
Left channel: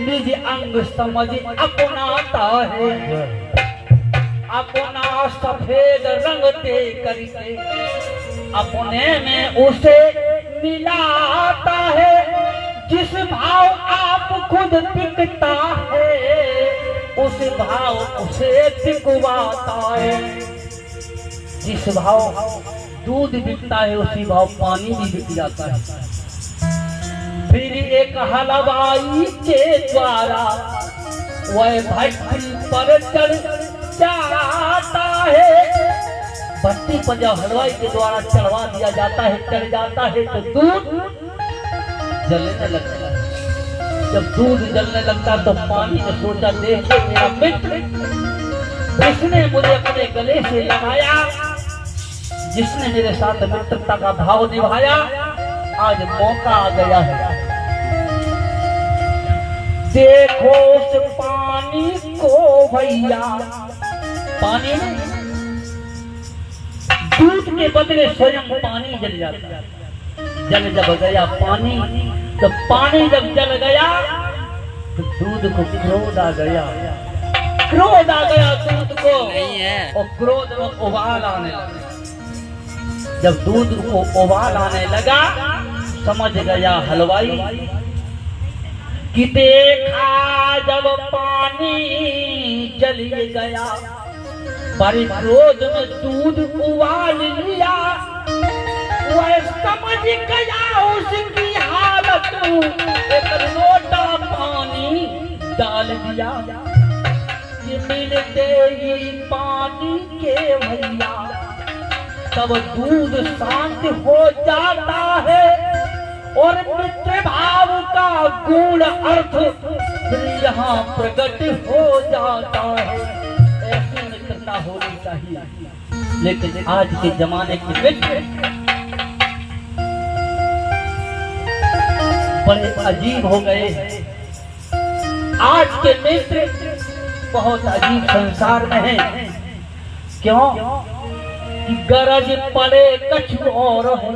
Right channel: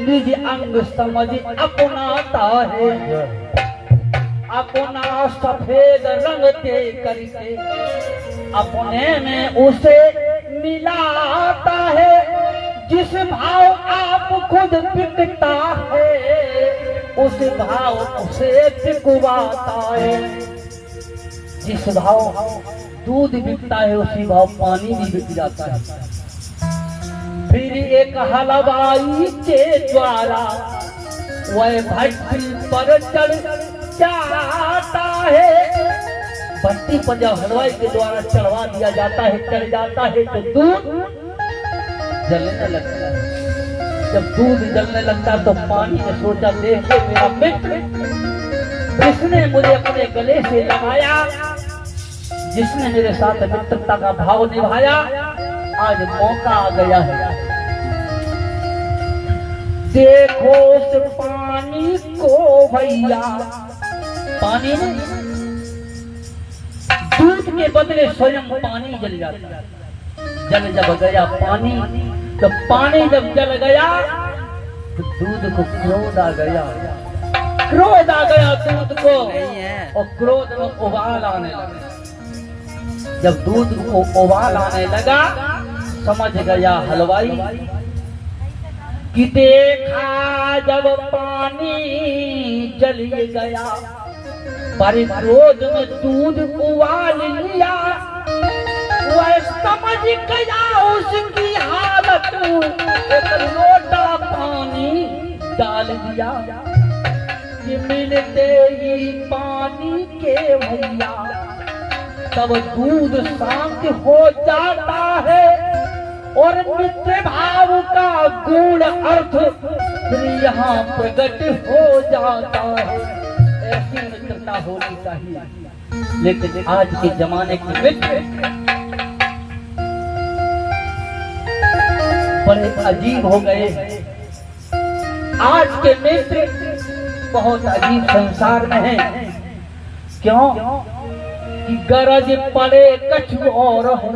निज अंग समझ अपनाता है, अपना सफेद रंग ते करके अपने में उसे मिलाता है। जिस भाव आप खुद बिकता है, उस भाव उसे बिकवाता है। जिस भाव दूध बिकता है, उसी भाव पानी भी बिक जाता है। फिर एक हलवाई के द्वारा वह भट्टी पर चढ़ जाता है। भट्टी पर जब हलवाई के द्वारा चढ़वा दिया जाता है, चढ़ जाता है, तो दूध जलने लगता है। जब दूध जलने लगता तो पानी ने सोचा, देखो मेरा मित्र, जिसने मुझे अपने गले से लगाया, जिसने मेरे साथ मित्रता का भाव निभाया, आज मौका आ गया है। देखो उस पानी को भैया, पानी में दूध के बदले स्वयं पानी जल जाता है। जल जब गया पानी, तो पानी जब जल गया तो दूध को क्रोध आ गया, क्रोध आ गया दूध को, नहीं है, और क्रोध में उबाल आने लगा। जब दूध को उबाल आने लगा, समझ गया हलवाई कि देखा जब पानी जल गया, पर क्रोध में दूध उबाल लिया, वह समझ गया उसकी हालत, एक लोटा पानी डाल दिया। कि मिलते ही पानी के भैया, तब दूध शांत हो जाता है, और मित्र भाव का गूढ़ अर्थ फिर यहाँ प्रकट हो जाता है। ऐसी मित्रता होनी चाहिए। लेकिन आज के जमाने के मित्र बड़े अजीब हो गए हैं। आज के मित्र बहुत अजीब संसार में हैं। क्यों कि गरज पड़े कछु और हो,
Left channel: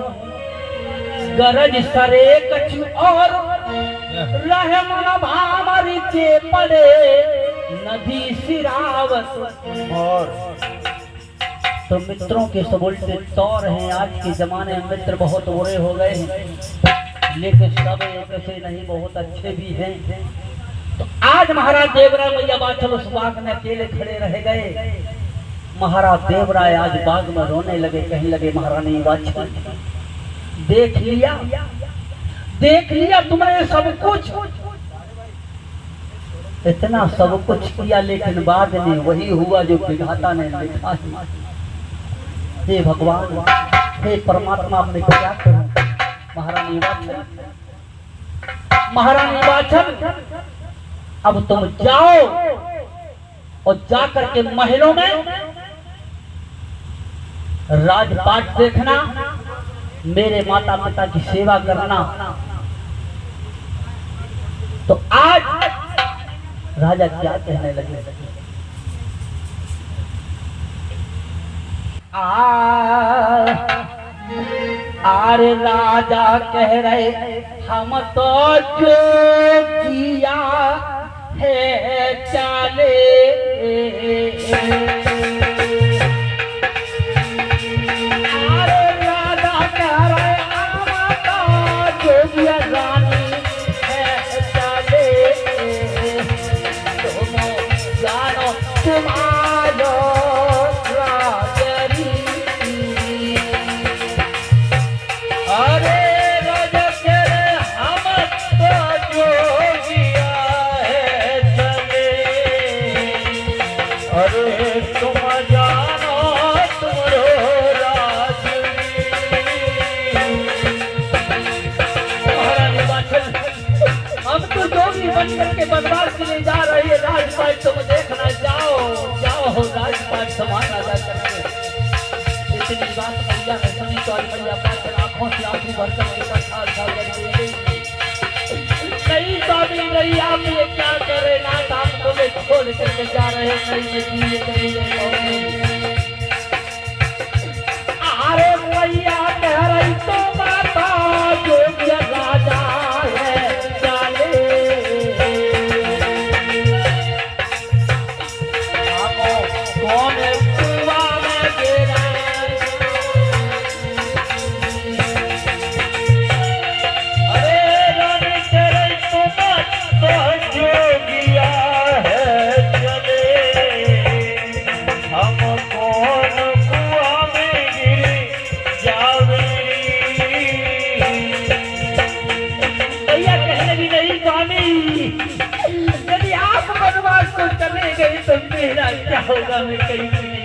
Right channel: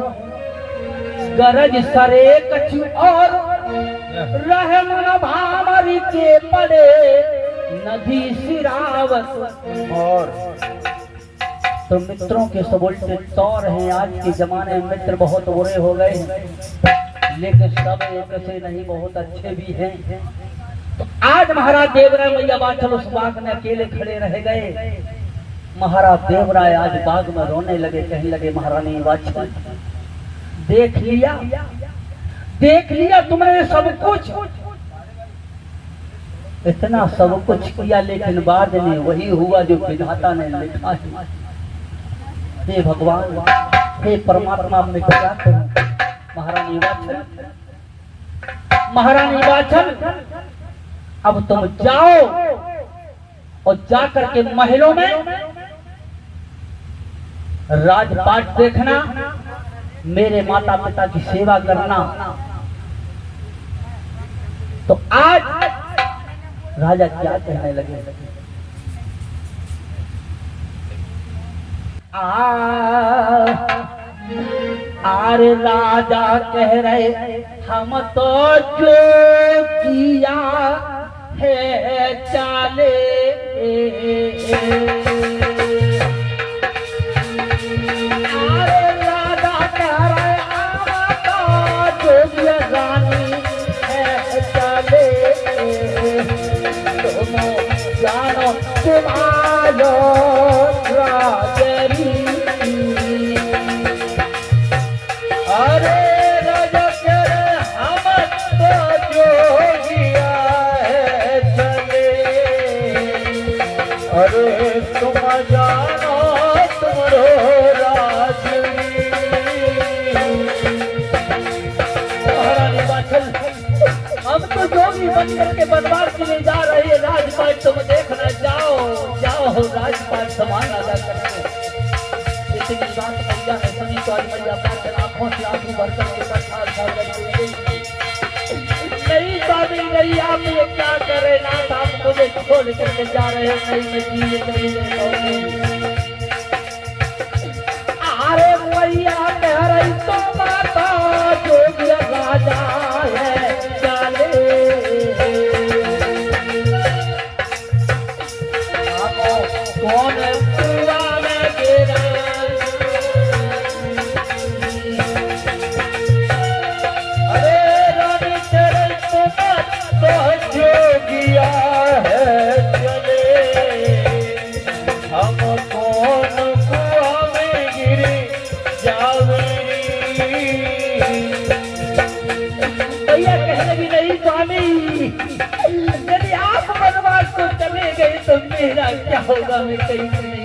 गरज सरे कछु और, रह मन भामरी चे पड़े नदी सिरावत और। तो मित्रों के सब उल्टे तौर हैं। आज के जमाने में मित्र बहुत बुरे हो गए हैं, लेकिन सब एक से नहीं, बहुत अच्छे भी हैं। तो आज महाराज देवराय मैया बाछल उस बाग में अकेले खड़े रह गए। महाराज देवराय आज बाग में रोने लगे, कहने लगे महारानी बाछल देख लिया तुमने सब कुछ, इतना सब कुछ किया, लेकिन बाद में वही हुआ जो विधाता ने लिखा है। हे भगवान, हे परमात्मा, मैं क्या करूं? महारानी बाछल अब तुम जाओ और जाकर के महलों में राजपाट देखना, मेरे माता पिता की सेवा करना। तो आज राजा क्या कहने लगे? आरे राजा कह रहे हम तो जो किया है चाले, के बर्बाद के लिए जा रही है राजपाट, तुम देखना, जाओ राजपाट संभालना जा करके। इतनी बात मैया ने सुनी तो मैया आंखों से आंसू भर करके नहीं स्वामी नहीं, आप ये क्या कर रहे नाथ, आप तुम्हें छोड़ करके जा रहे हैं। अरे मैया कह रही तुम माता जो राजा है मेरा क्या होगा, मैं कहीं